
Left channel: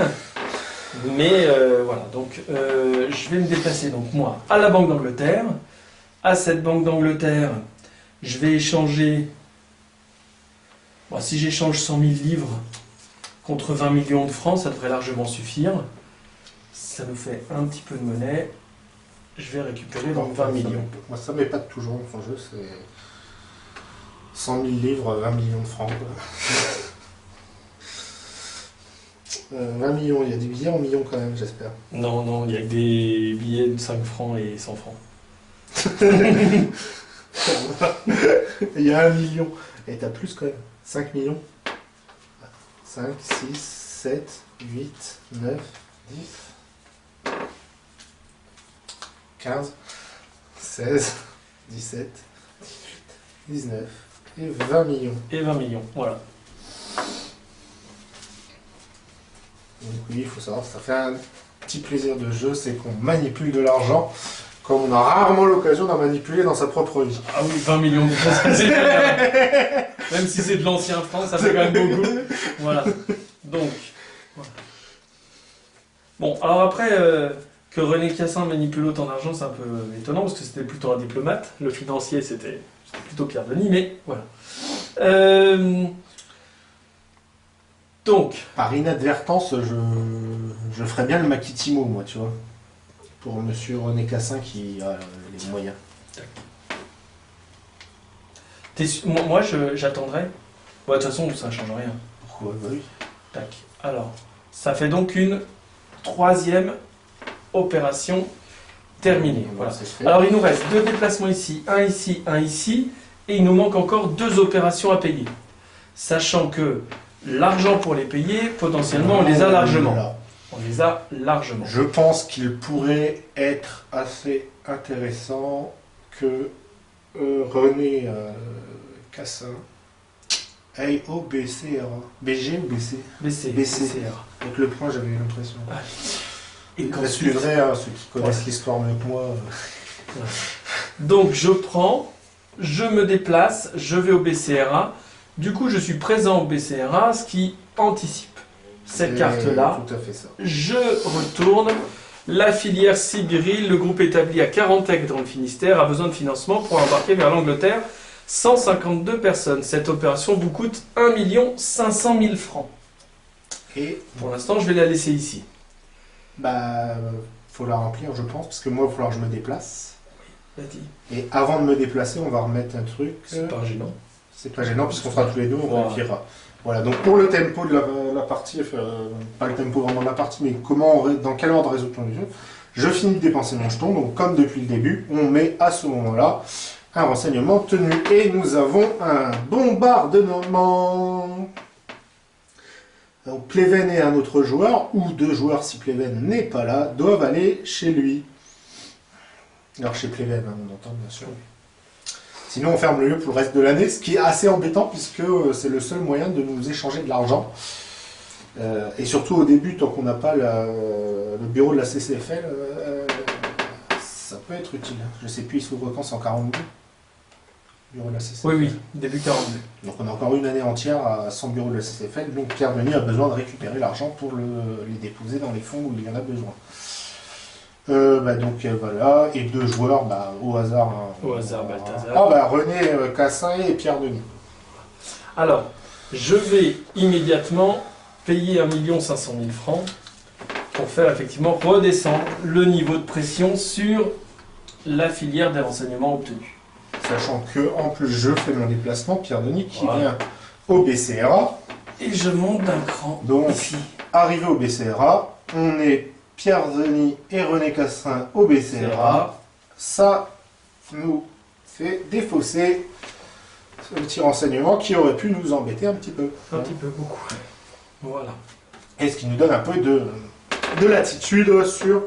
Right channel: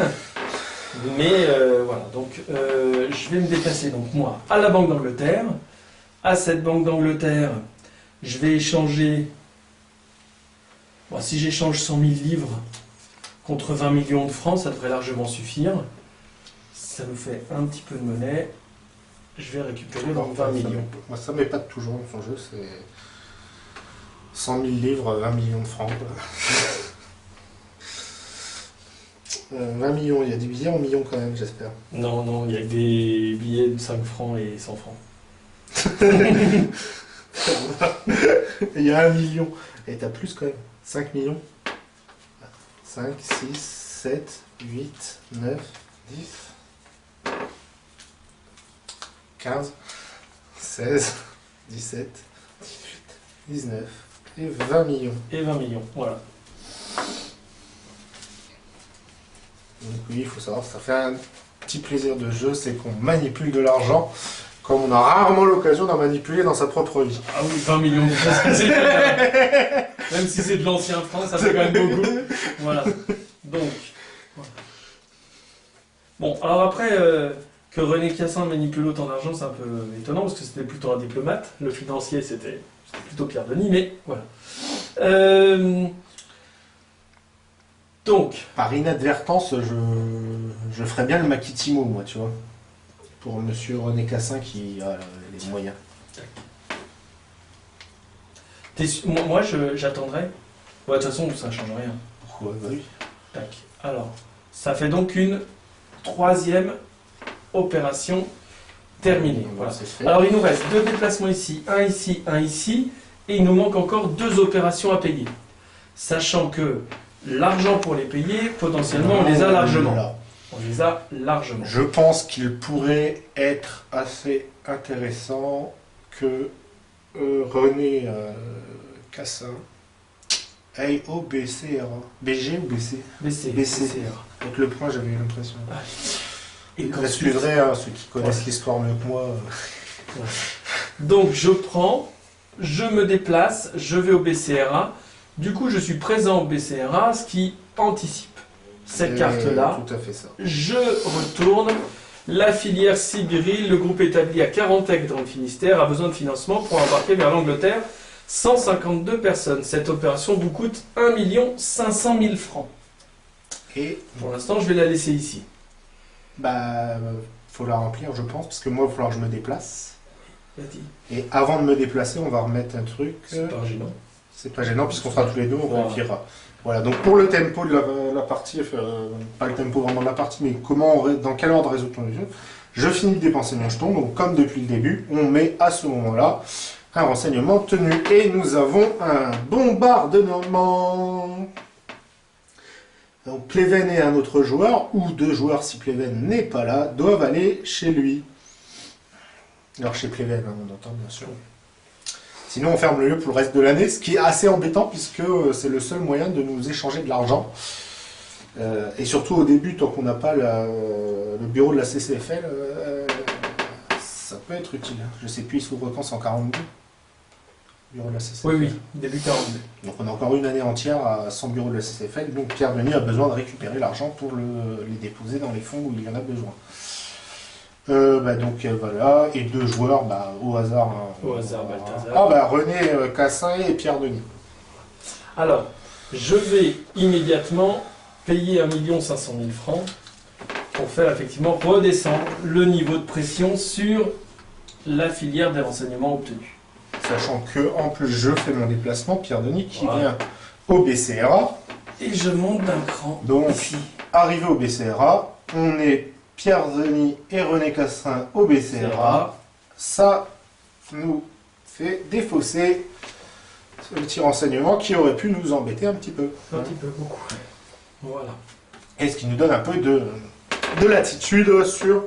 Mais voilà, donc je vais me déplacer donc moi à la Banque d'Angleterre. À cette Banque d'Angleterre, je vais échanger. Bon, si j'échange 100 000 livres contre 20 millions de francs, ça devrait largement suffire. Ça nous fait un petit peu de monnaie. Je vais récupérer donc 20 millions. Moi, ça m'épate toujours dans son jeu, c'est 100 000 livres, 20 millions de francs. 20 millions, il y a des billets en millions quand même, j'espère. Non, non, il y a des billets de 5 francs et 100 francs. Il y a 1 million. Et t'as plus quand même. 5 millions. 5, 6, 7, 8, 9, 10, 15, 16, 17, 18, 19 et 20 millions. Et 20 millions, voilà. Donc oui, il faut savoir, ça fait un petit plaisir de jeu, c'est qu'on manipule de l'argent comme on a rarement l'occasion d'en manipuler dans sa propre vie. Ah oui, 20 millions de francs, c'est bien. Même si c'est de l'ancien franc, ça fait quand même beaucoup. Voilà. Donc, voilà. Bon, alors après, que René Cassin manipule autant d'argent, c'est un peu étonnant, parce que c'était plutôt un diplomate. Le financier, c'était plutôt Pierre Denis, mais voilà. Donc... Par inadvertance, je ferais bien le Makitimo, moi, tu vois. Pour monsieur René Cassin qui a les moyens. Moi, j'attendrai. Bon, de toute façon, ça ne change rien. Pourquoi? Bah oui. Tac. Alors, ça fait donc une 3e opération terminée. Voilà. Alors, il nous reste 2 déplacements ici, un ici, et il nous manque encore 2 opérations à payer. Sachant que l'argent pour les payer, potentiellement, on les a largement. On les a largement. Je pense qu'il pourrait être assez intéressant que René Cassin aille au BCRA. BG ou BC? BC. Avec le point, j'avais eu l'impression. Ah. Et quand suivrait, hein, ceux qui connaissent l'histoire mieux que moi. Donc je prends, je me déplace, je vais au BCRA. Du coup, je suis présent au BCRA, ce qui anticipe cette carte-là. Tout à fait ça. Je retourne. La filière Sibiril, le groupe établi à 40 dans le Finistère, a besoin de financement pour embarquer vers l'Angleterre 152 personnes. Cette opération vous coûte 1 500 000 francs. Et pour l'instant, je vais la laisser ici. Bah, faut la remplir, je pense, parce que moi, il va falloir que je me déplace. Vas-y. Et avant de me déplacer, on va remettre un truc. C'est pas gênant. C'est pas gênant, puisqu'on sera tous les deux, on vérifiera. Voilà, donc pour le tempo de la partie, pas le tempo vraiment de la partie, mais dans quel ordre résout-on le jeu, je finis de dépenser mon jeton, donc comme depuis le début, on met à ce moment-là Un renseignement obtenu. Et nous avons un bombardement. Donc Pleven et un autre joueur, ou deux joueurs si Pleven n'est pas là, doivent aller chez lui. Alors chez Pleven, hein, on entend bien sûr. Sinon on ferme le lieu pour le reste de l'année, ce qui est assez embêtant puisque c'est le seul moyen de nous échanger de l'argent. Et surtout au début, tant qu'on n'a pas le bureau de la CCFL, ça peut être utile. Je sais plus, il s'ouvre quand, 142 bureau de la CCFL. Oui, début 42. Donc on a encore une année entière sans bureau de la CCFL, donc Pierre Denis a besoin de récupérer l'argent pour les déposer dans les fonds où il y en a besoin. Donc voilà, et deux joueurs au hasard. Au hasard, Balthazar. René Cassin et Pierre Denis. Alors, je vais immédiatement payer 1 500 000 francs pour faire effectivement redescendre le niveau de pression sur la filière des renseignements obtenus. Sachant que en plus je fais mon déplacement, Pierre Denis qui vient au BCRA. Et je monte d'un cran. Donc, ici. Arrivé au BCRA, on est Pierre Denis et René Cassin au BCRA. Ça nous fait défausser ce petit renseignement qui aurait pu nous embêter un petit peu. Un petit peu, beaucoup. Voilà. Et ce qui nous donne un peu de latitude sur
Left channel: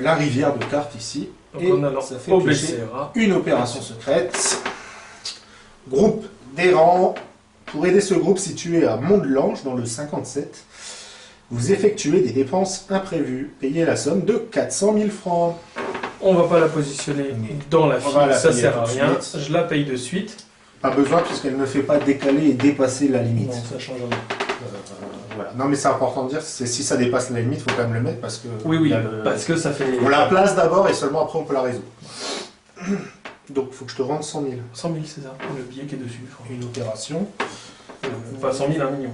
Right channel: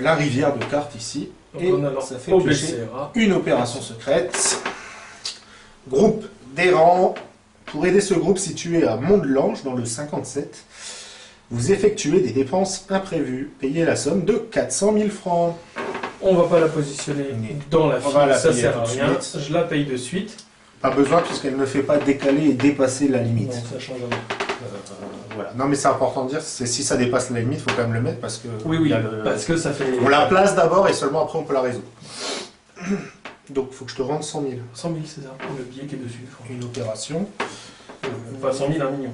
la rivière de cartes ici. Donc et on a alors ça fait au piocher BCRA. une opération secrète. Groupe d'errants. Pour aider ce groupe situé à Mont-de-Lange, dans le 57, vous effectuez des dépenses imprévues. Payez la somme de 400 000 francs. On va pas la positionner dans la file, ça sert à rien. Je la paye de suite. Pas besoin puisqu'elle ne fait pas décaler et dépasser la limite. Non, ça change rien. Voilà. Non mais c'est important de dire, si ça dépasse la limite, il faut quand même le mettre parce que... Oui, parce que ça fait... On la place d'abord et seulement après on peut la résoudre. Donc il faut que je te rende 100 000. 100 000, c'est ça, le billet qui est dessus. Une opération. Pas 100 000, 1 million.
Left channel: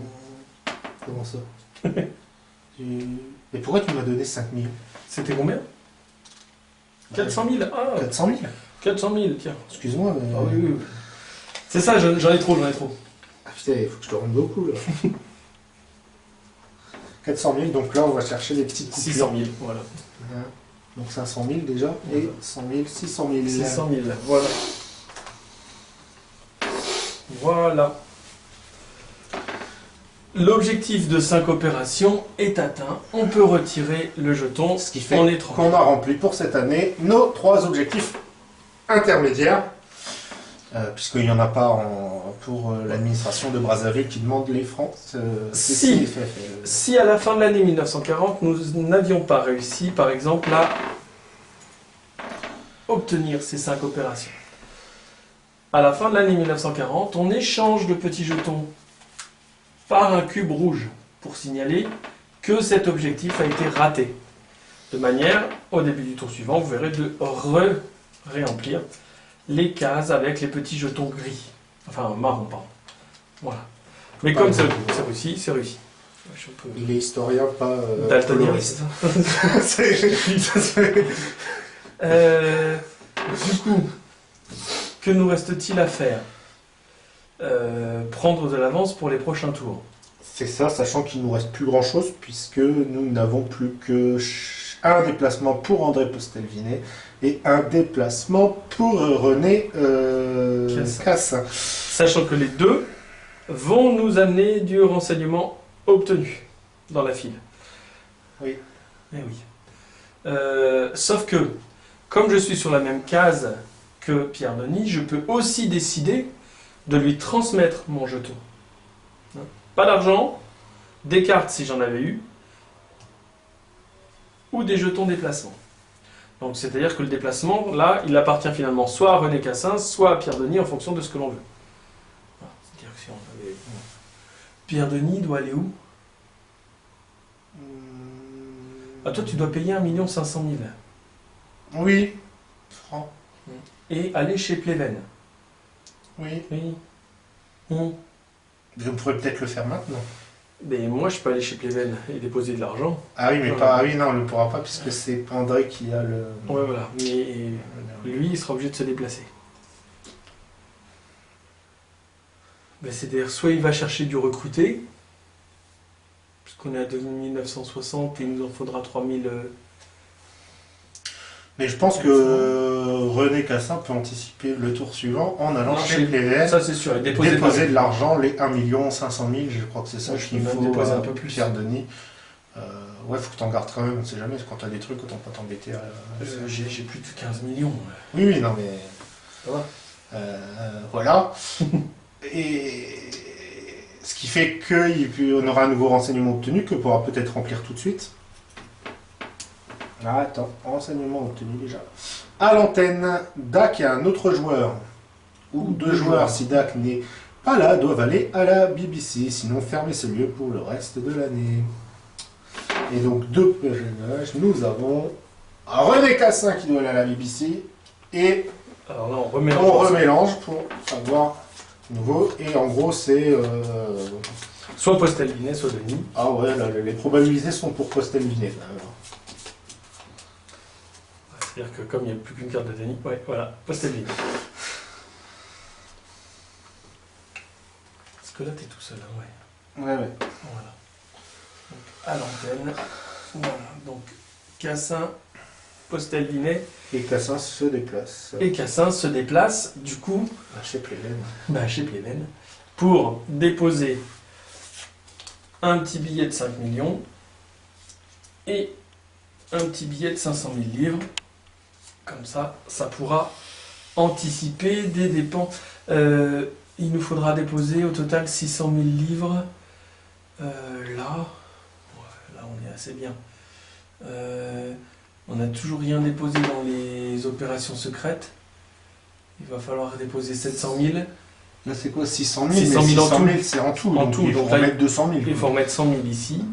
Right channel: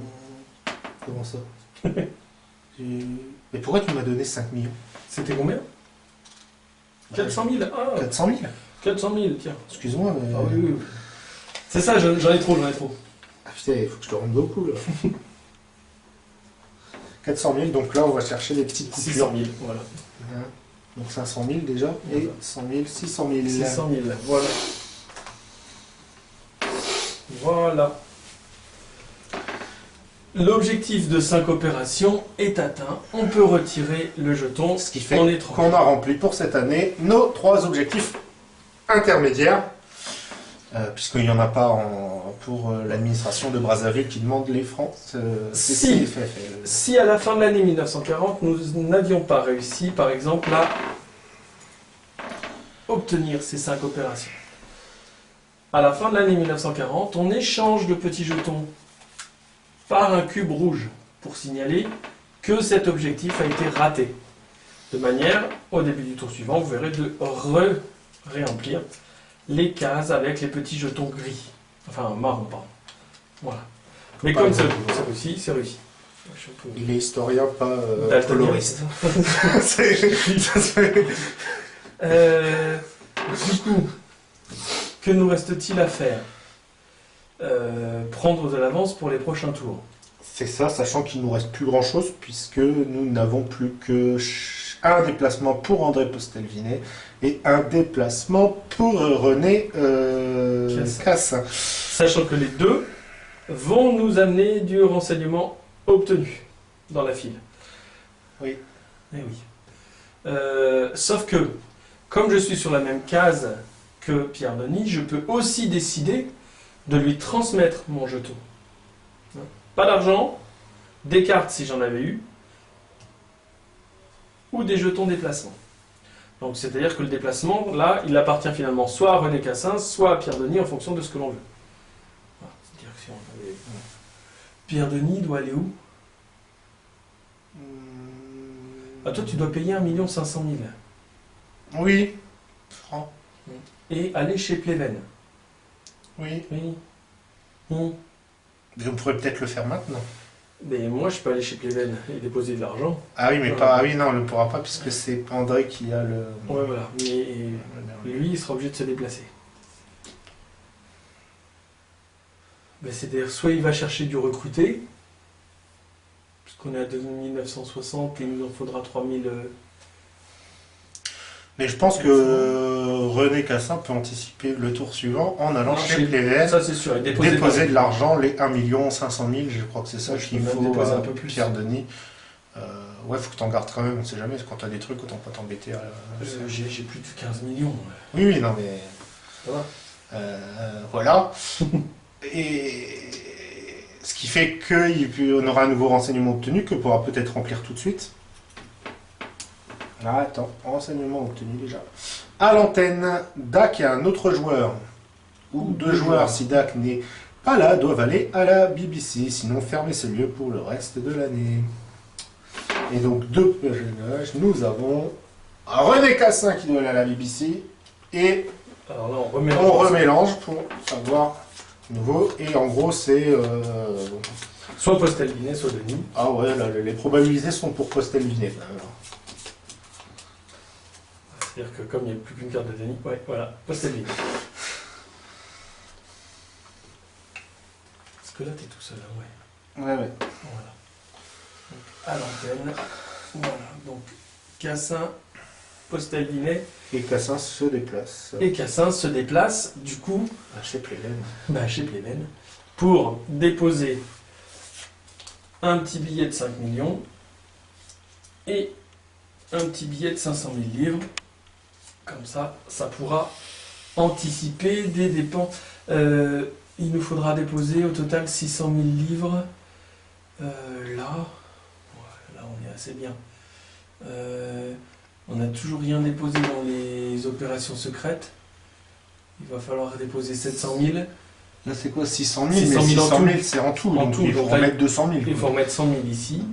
Comment ça? Mais pourquoi tu m'as donné 5 000? C'était combien? 400 000. Ah, 400 000? 400 000, tiens. Excuse-moi, mais... Ah, oui. C'est ça, j'en ai trop. Ah putain, il faut que je te rende beaucoup là. 400 000, donc là on va chercher des petites coupures. 600 000, voilà. Donc 500 000 déjà, et 100 000, 600 000. 600 000, voilà. Voilà. L'objectif de 5 opérations est atteint. On peut retirer le jeton. Ce qui fait qu'on a rempli pour cette année nos 3 objectifs intermédiaires. Puisqu'il n'y en a pas pour l'administration de Brazzaville qui demande les francs. Si à la fin de l'année 1940, nous n'avions pas réussi, par exemple, à obtenir ces 5 opérations. À la fin de l'année 1940, on échange de petits jetons par un cube rouge pour signaler que cet objectif a été raté. De manière, au début du tour suivant, vous verrez de réemplir les cases avec les petits jetons gris. Enfin, marron, pardon. Voilà. Mais comme c'est réussi, c'est réussi. Il est historien, pas coloriste. Du coup, que nous reste-t-il à faire? Prendre de l'avance pour les prochains tours. C'est ça, sachant qu'il ne nous reste plus grand-chose, puisque nous n'avons plus que un déplacement pour André Postelvinet et un déplacement pour René Cassin. Sachant que les deux vont nous amener du renseignement obtenu dans la file. Oui. Eh oui. Sauf que, comme je suis sur la même case que Pierre Denis, je peux aussi décider de lui transmettre mon jeton. Pas d'argent, des cartes si j'en avais eu, ou des jetons déplacement. Donc c'est-à-dire que le déplacement, là, il appartient finalement soit à René Cassin, soit à Pierre Denis en fonction de ce que l'on veut. Voilà. C'est-à-dire que si on avait... Pierre Denis doit aller où? Ah, toi, tu dois payer 1 500 000. Oui. Francs. Et aller chez Pleven. Oui. Oui. Je pourrais peut-être le faire maintenant. Mais moi, je peux aller chez Pleven et déposer de l'argent. Ah oui, mais pas... Ah oui, non, on ne le pourra pas puisque c'est André qui a le... Ouais, voilà. Mais lui, il sera obligé de se déplacer. Ben, c'est-à-dire, soit il va chercher du recruté, puisqu'on est à 2960 et il nous en faudra 3000... Mais je pense que René Cassin peut anticiper le tour suivant en allant chez Pleven. Ça c'est sûr, et déposer de l'argent, les 1 500 000, je crois que c'est ça qu'il faut déposer un peu plus. Pierre Denis. Ouais, faut que t'en gardes quand même, on sait jamais, quand t'as des trucs, autant pas t'embêter. J'ai plus de 15 millions. Oui, non mais... Ça va. Voilà. Et ce qui fait qu'on aura un nouveau renseignement obtenu que pourra peut-être remplir tout de suite. Ah, attends, renseignement obtenu déjà. À l'antenne, Dak et un autre joueur, ou deux joueurs, si Dak n'est pas là, doivent aller à la BBC, sinon fermer ce lieu pour le reste de l'année. Et donc, deux personnages, nous avons René Cassin qui doit aller à la BBC, et alors là, on remélange pour savoir nouveau, et en gros c'est... soit Postelvinet, soit Denis. Ah ouais, là, les probabilités sont pour Postelvinet. C'est-à-dire que comme il n'y a plus qu'une carte de Denis, ouais, voilà, Postelvinet. Parce que là, t'es tout seul, hein, ouais. Ouais, ouais. Voilà. Donc, à l'antenne, voilà, donc Cassin, Postelvinet. Et Cassin se déplace. Et Cassin se déplace, du coup, chez Pleven. Chez Pleven, pour déposer un petit billet de 5 millions et un petit billet de 500 000 livres. Comme ça, ça pourra anticiper des dépenses. Il nous faudra déposer au total 600 000 livres. Là, on est assez bien. On n'a toujours rien déposé dans les opérations secrètes. Il va falloir déposer 700 000. Là, c'est quoi 600 000 600 000 600 000, c'est en tout. En tout, il faut donc remettre 200 000. Il faut remettre 100 000 ici.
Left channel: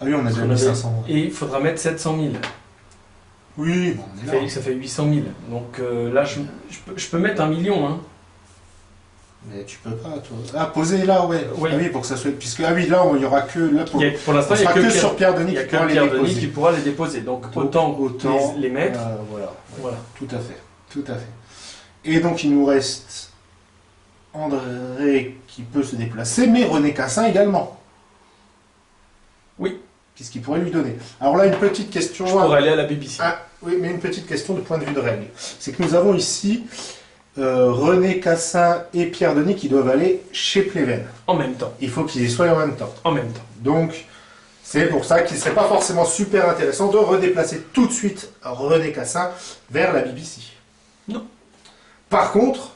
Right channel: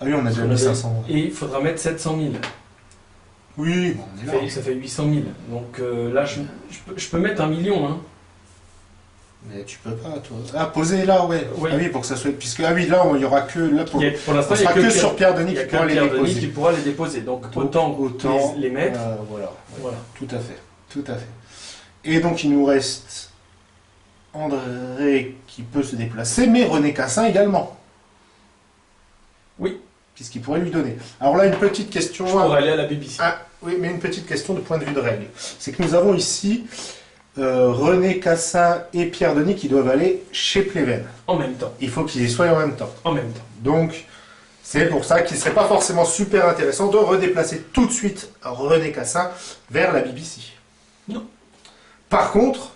Ah oui, on a déjà mis 500. Et il faudra mettre 700 000. Oui, bon, on est là. Ça fait 800 000. Donc là, je peux mettre 1 million. Hein. Mais tu peux pas, toi. Ah, poser là, ouais. Oui. Ah oui, pour que ça soit... Puisque, ah oui, là, il n'y aura que... Là, pour l'instant, il n'y a que sur Pierre Denis qui pourra les déposer. Donc autant les mettre. Voilà. Voilà. Tout à fait. Tout à fait. Et donc, il nous reste André qui peut se déplacer, mais René Cassin également. Oui. Puisqu'il pourrait lui donner. Alors là, une petite question... Je pourrais aller à la BBC. Ah, oui, mais une petite question de point de vue de règle. C'est que nous avons ici René Cassin et Pierre Denis qui doivent aller chez Pleven. En même temps. Il faut qu'ils y soient en même temps. En même temps. Donc, c'est pour ça qu'il ne serait pas forcément super intéressant de redéplacer tout de suite René Cassin vers la BBC. Non. Par contre...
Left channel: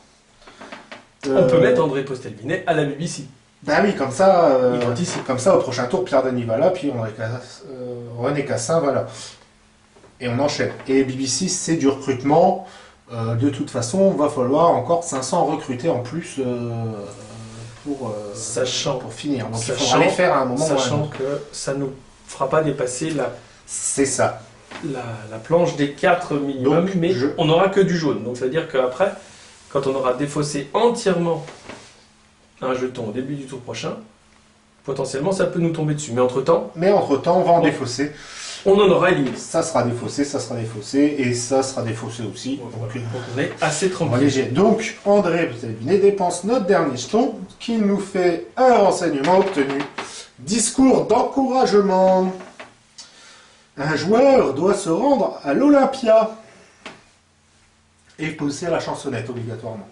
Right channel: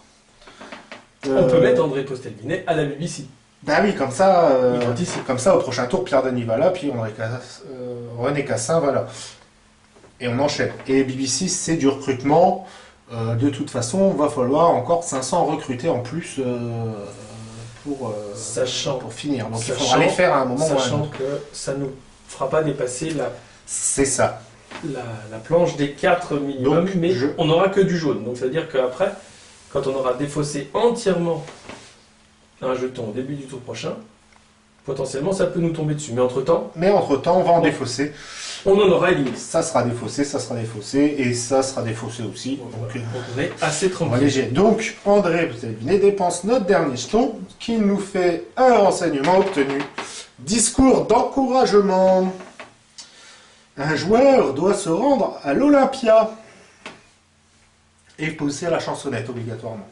on peut mettre André Postelvinet à la BBC. Ben oui, comme ça, comme ça, au prochain tour, Pierre Denis va là, puis René Cassin va là. Et on enchaîne. Et BBC, c'est du recrutement. De toute façon, il va falloir encore 500 recruter en plus pour finir. Donc il faudra les faire à un moment. Sachant que ça ne nous fera pas dépasser c'est ça. La planche des 4 minimum, donc, mais on n'aura que du jaune. Donc ça veut dire qu'après, quand on aura défaussé entièrement un jeton au début du tour prochain, potentiellement ça peut nous tomber dessus. Mais entre-temps, on va en défausser. On en aura éliminé. Ça sera défaussé, et ça sera défaussé aussi. Donc on est assez tranquille. Donc André Postelvinet dépense notre dernier jeton qui nous fait un renseignement obtenu. Discours d'encouragement. Un joueur doit se rendre à l'Olympia et pousser à la chansonnette obligatoirement.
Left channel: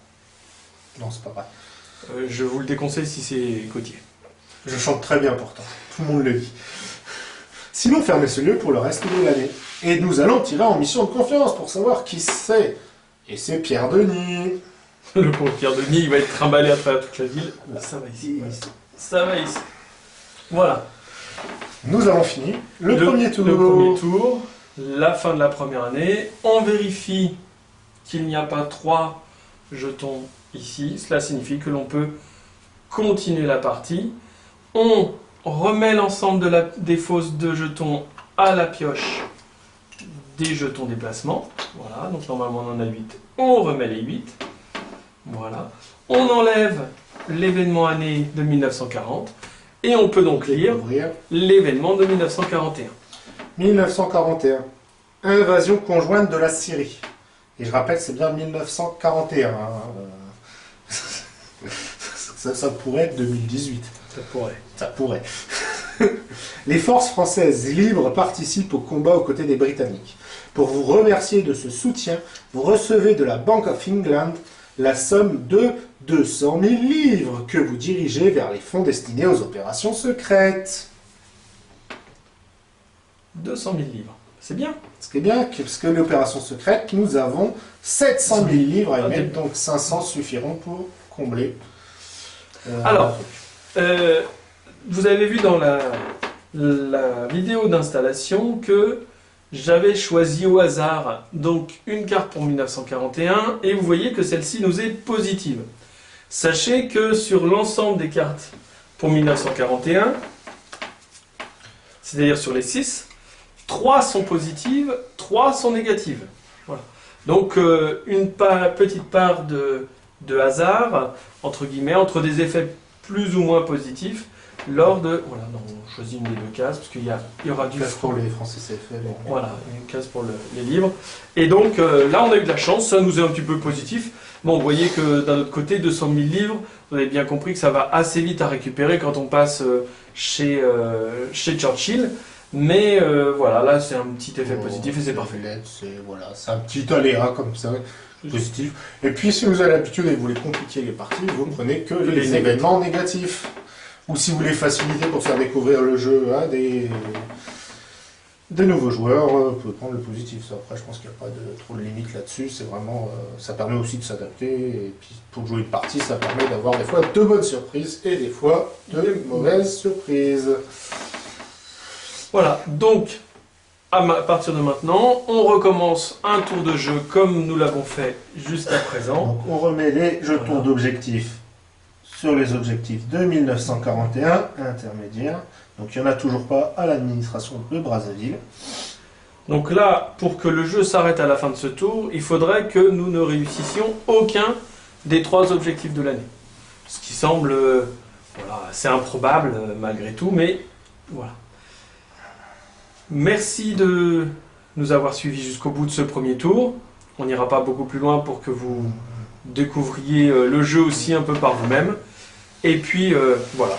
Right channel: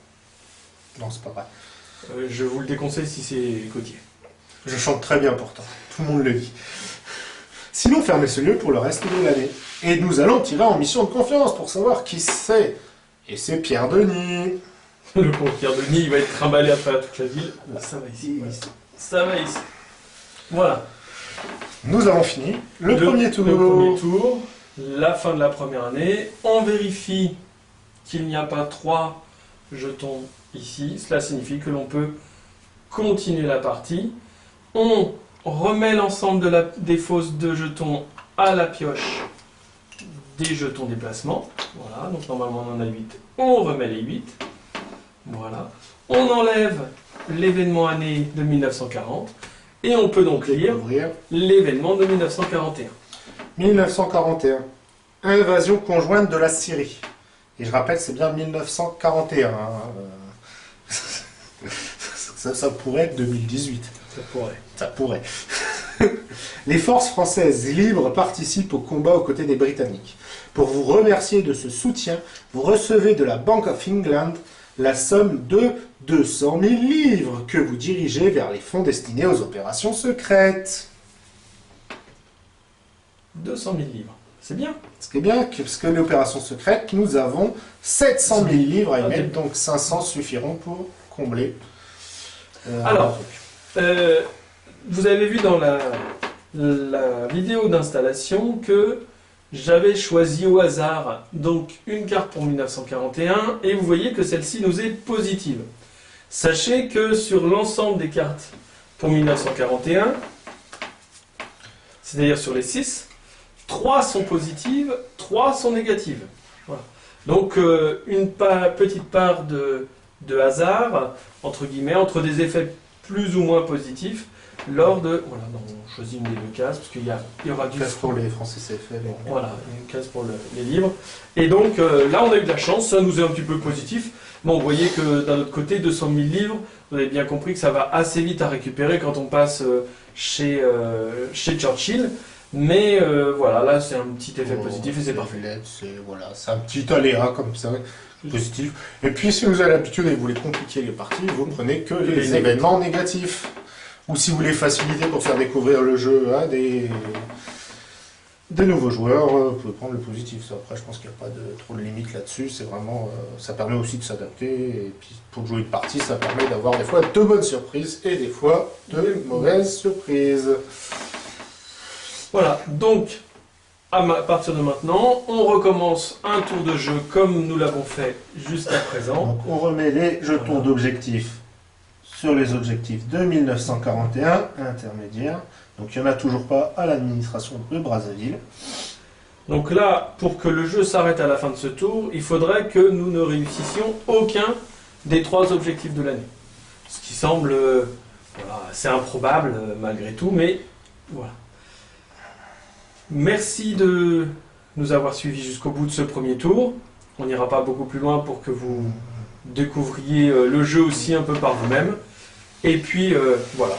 Non, c'est pas vrai. Je vous le déconseille si c'est Gauthier. Je chante très bien pourtant, tout le monde le dit. Sinon, fermez ce lieu pour le reste de l'année. Et nous allons tirer en mission de confiance pour savoir qui c'est. Et c'est Pierre Denis. Le pauvre Pierre Denis, il va être trimballé à travers toute la ville. Ça va ici. Voilà. Ça va ici. Voilà. Nous avons fini le premier tour. La fin de la première année. On vérifie qu'il n'y a pas 3 jetons ici. Cela signifie que l'on peut continuer la partie. On remet l'ensemble des fausses de jetons à la pioche des jetons déplacement. Voilà, donc normalement on en a 8. On remet les 8. Voilà. On enlève l'événement année de 1940. Et on peut donc lire l'événement de 1941. 1941. Invasion conjointe de la Syrie. Et je rappelle, c'est bien 1941. Ça pourrait être 2018. Ça pourrait. Les forces françaises libres participent au combat aux côtés des Britanniques. Pour vous remercier de ce soutien, vous recevez de la Bank of England la somme de 200 000 livres que vous dirigez vers les fonds destinés aux opérations secrètes. 200 000 livres, c'est bien. Ce qui est bien, parce que l'opération secrète, nous avons 700 000 livres à y mettre, donc 500 suffiront pour combler. Alors, vous avez vu dans la vidéo d'installation que j'avais choisi au hasard donc une carte pour 1941 et vous voyez que celle-ci nous est positive. Sachez que sur l'ensemble des cartes pour 1941, c'est-à-dire sur les 6, 3 sont positives, 3 sont négatives. Voilà. Donc une petite part de hasard, entre guillemets, entre des effets plus ou moins positifs, lors de... Voilà, non, on choisit une des deux cases, parce qu'il y aura du... Une case pour les Français CFL. Voilà, une case pour les livres. Et donc là, on a eu de la chance, ça nous est un petit peu positif. Bon, vous voyez que d'un autre côté, 200 000 livres, vous avez bien compris que ça va assez vite à récupérer quand on passe chez Churchill. Mais voilà, là, c'est un petit effet positif et c'est parfait. C'est un petit aléa comme ça. Positif. Et puis si vous avez l'habitude et vous voulez compliquer les parties, vous ne prenez que les événements négatifs. Ou si vous voulez faciliter pour faire découvrir le jeu à des nouveaux joueurs, vous pouvez prendre le positif. Ça, après, je pense qu'il n'y a pas trop de limite là-dessus. C'est vraiment, ça permet aussi de s'adapter. Et puis pour jouer une partie, ça permet d'avoir des fois de bonnes surprises et des fois de mauvaises surprises. Voilà, donc à partir de maintenant, on recommence un tour de jeu comme nous l'avons fait jusqu'à présent. Donc on remet les jetons d'objectifs sur les objectifs de 1941 intermédiaires. Donc il n'y en a toujours pas à l'administration de Brazzaville. Donc là, pour que le jeu s'arrête à la fin de ce tour, il faudrait que nous ne réussissions aucun des 3 objectifs de l'année. Ce qui semble voilà, assez improbable malgré tout, mais voilà. Merci de nous avoir suivis jusqu'au bout de ce premier tour. On n'ira pas beaucoup plus loin pour que vous découvriez le jeu aussi un peu par vous-même. Et puis voilà.